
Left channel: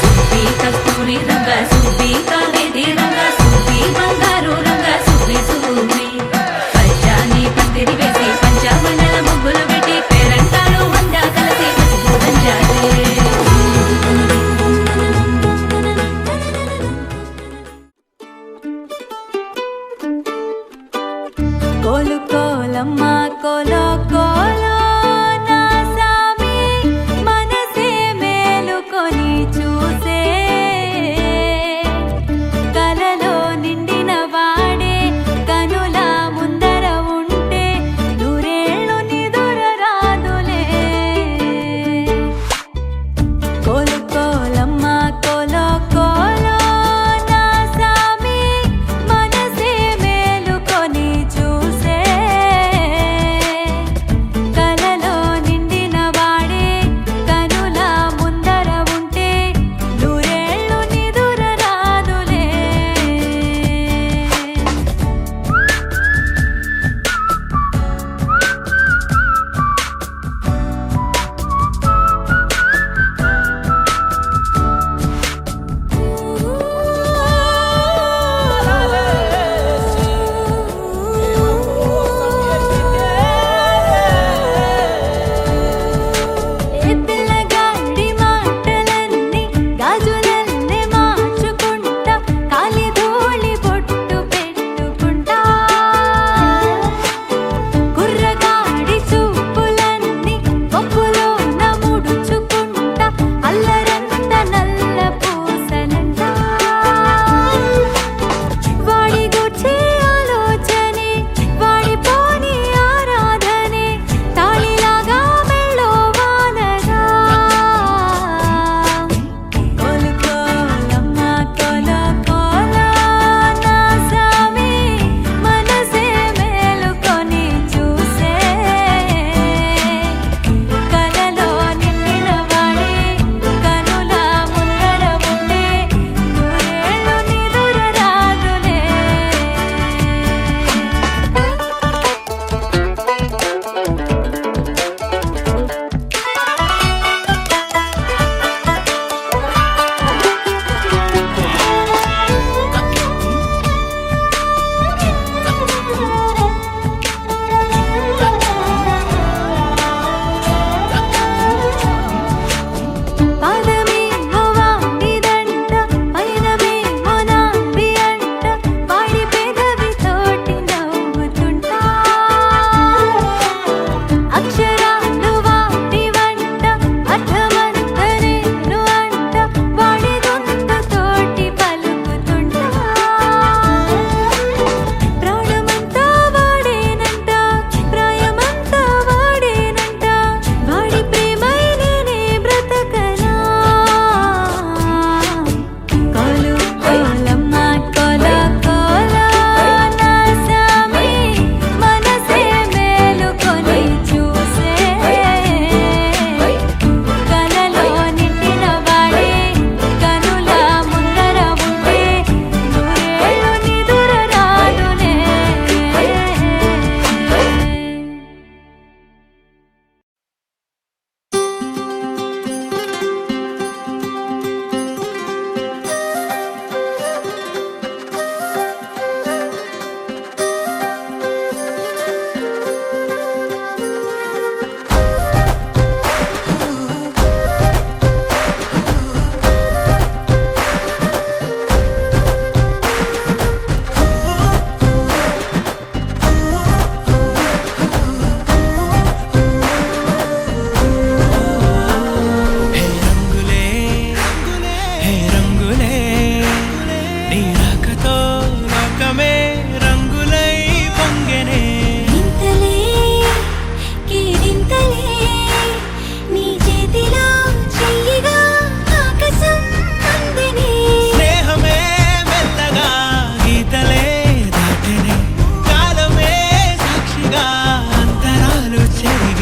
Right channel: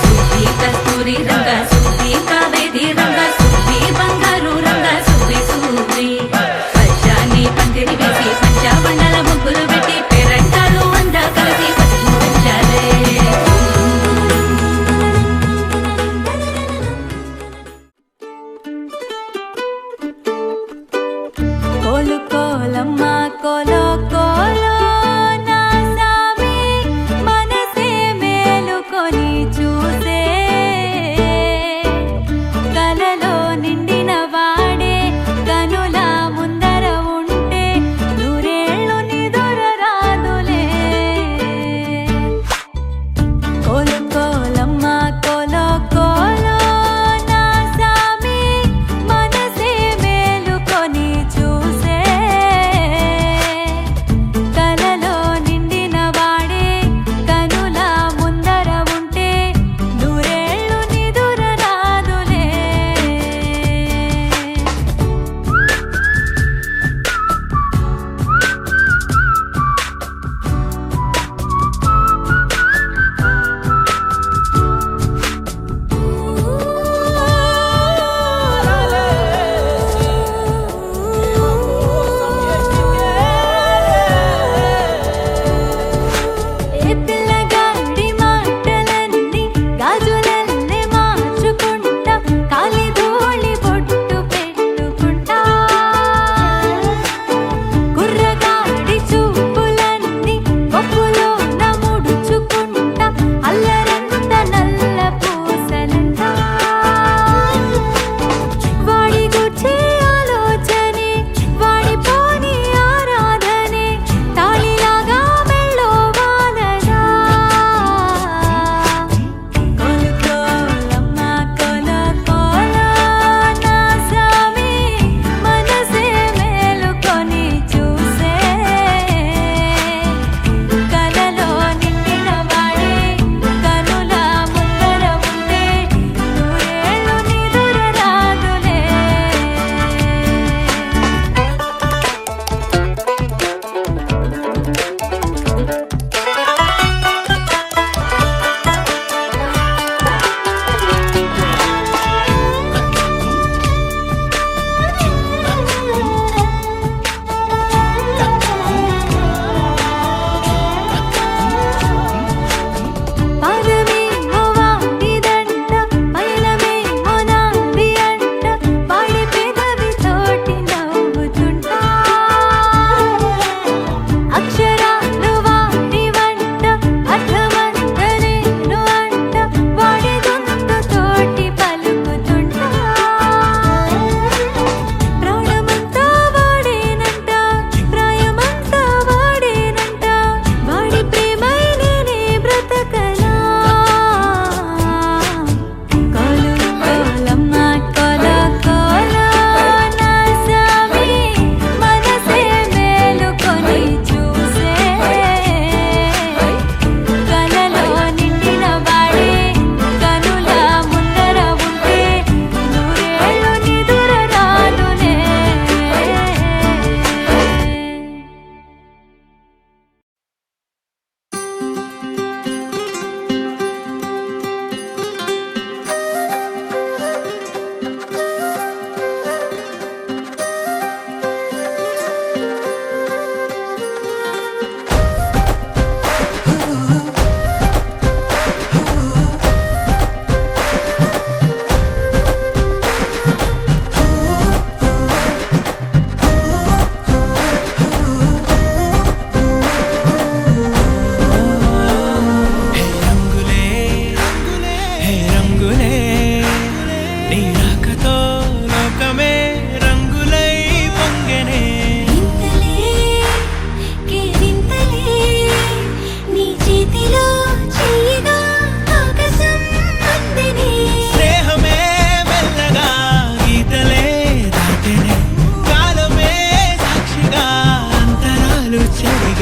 సుబ్బి కస్తూరి రంగ సుబ్బి కావేరి రంగ సుబ్బి బంగారు రంగ సుబ్బి సుబ్బి పంచాని పందిరి వేసి పంచామండల ముగ్గులు పెట్టి పేరంటాలు వండ కలిసి పసుపు పంచాలే కోలు కోలమ్మ కోలో కోలో నా సామి మనసే మేలుకొని చూసే కలలో నిండిన వాడే కనుల ముందర ఉంటే నూరేళ్ళు నిదుర రాదులే కోలు కోలమ్మ కోలో కోలో నా సామి మనసే మేలుకొని చూసే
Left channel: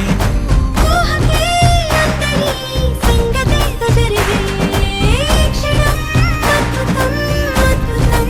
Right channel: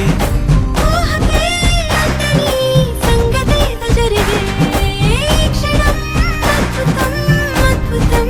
జరిగే ఊహకే అందని సంగతేదో జరిగే క్షణం అద్భుతం అద్భుతం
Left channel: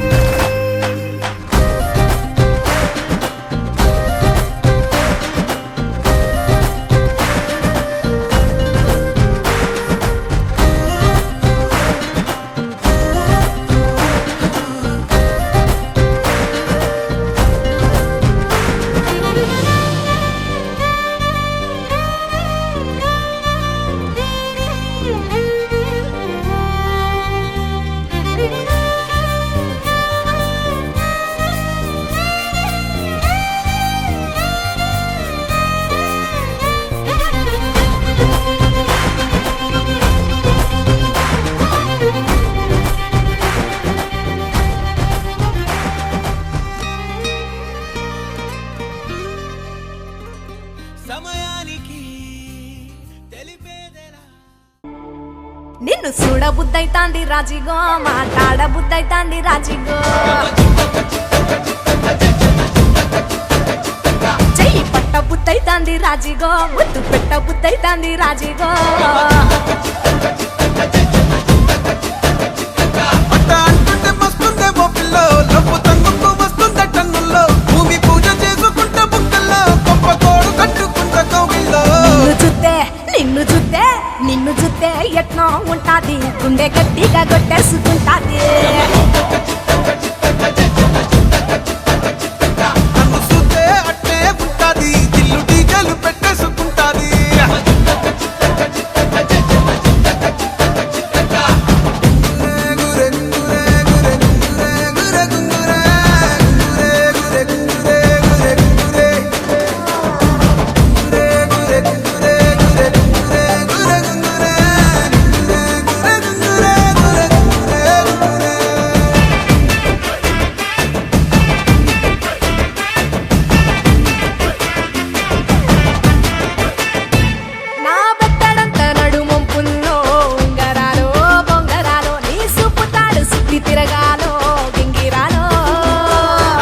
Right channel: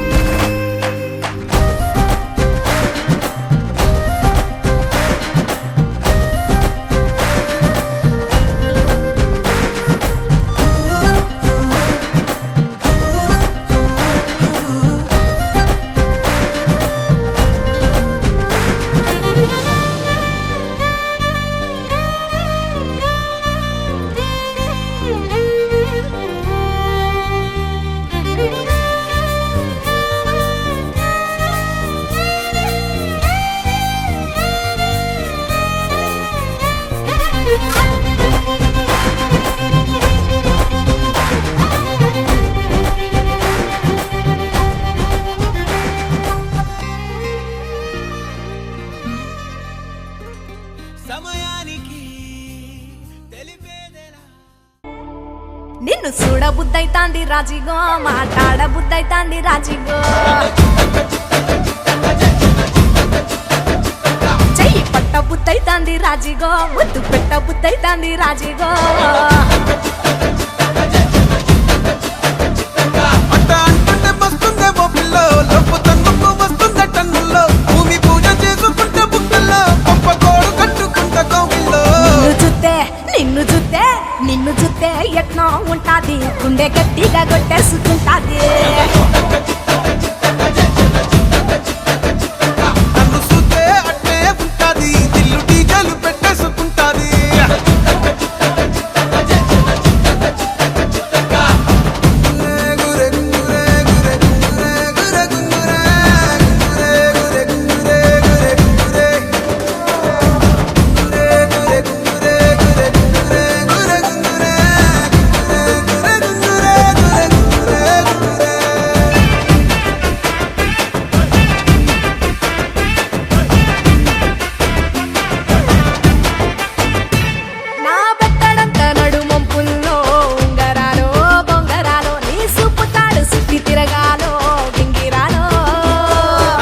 సమయానికి తెలిపేదెలా నిన్ను చూడబుద్దైతాంది రాజిగో మాట్లాడబుద్దైతాంది రాజిగో చెయ్యి పట్టబుద్దైతాంది రాజిగో ముద్దు పెట్టబుద్దైతాంది రాజిగో అట్ట అంటుంటే మస్తుందేమో పిల్లో లవ్వు తన్నుకు వస్తుంద టన్నుల్లో భూమి పూజ చేసుకుంటే బుక్కల్లో గొప్ప కోడు కట్టుకుంట కౌగిల్లో నిన్ను చూస్తే ఎట్నో ఉంటాది గుండె గట్టిగా కొట్టేసుకుంటాది నన్ను చూస్తే అట్టే ఉంటాది దిల్లు టీజలు పెట్టేసుకుంటాది గురే గురే గురే గురే గురే గురే గురే గురే గురే గురే గురే గురే నా బెత్తడంత నడుమొంపుల్లో ఉంగరాలో బొంగరాలో నీ సుప్పుతాడు సుత్తి తిరగాలో గింగిరాలో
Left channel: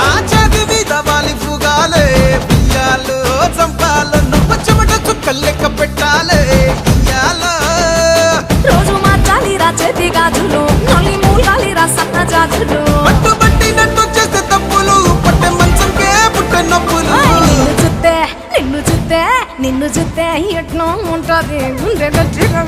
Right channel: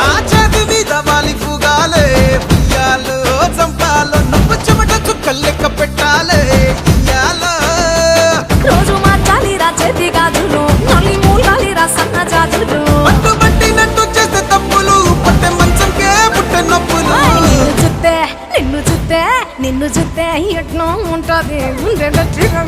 నా చేతి మీద వాలి ఫుగాలే బియ్యాలు చంపాలో నువ్వు చెమట చుక్కలు లెక్క పెట్టాలే ఇయ్యాలో రోజు మార్చాలిరా చేతి గాజులు నల్లి మూలాలిరా సన్న జాజులు పట్టు పట్టినట్టు చేస్తే తప్పులు పట్టే మంచంకే పుట్టే నొప్పులు నిన్ను చూస్తే ఎట్నో ఉంటది గుండె గట్టిగా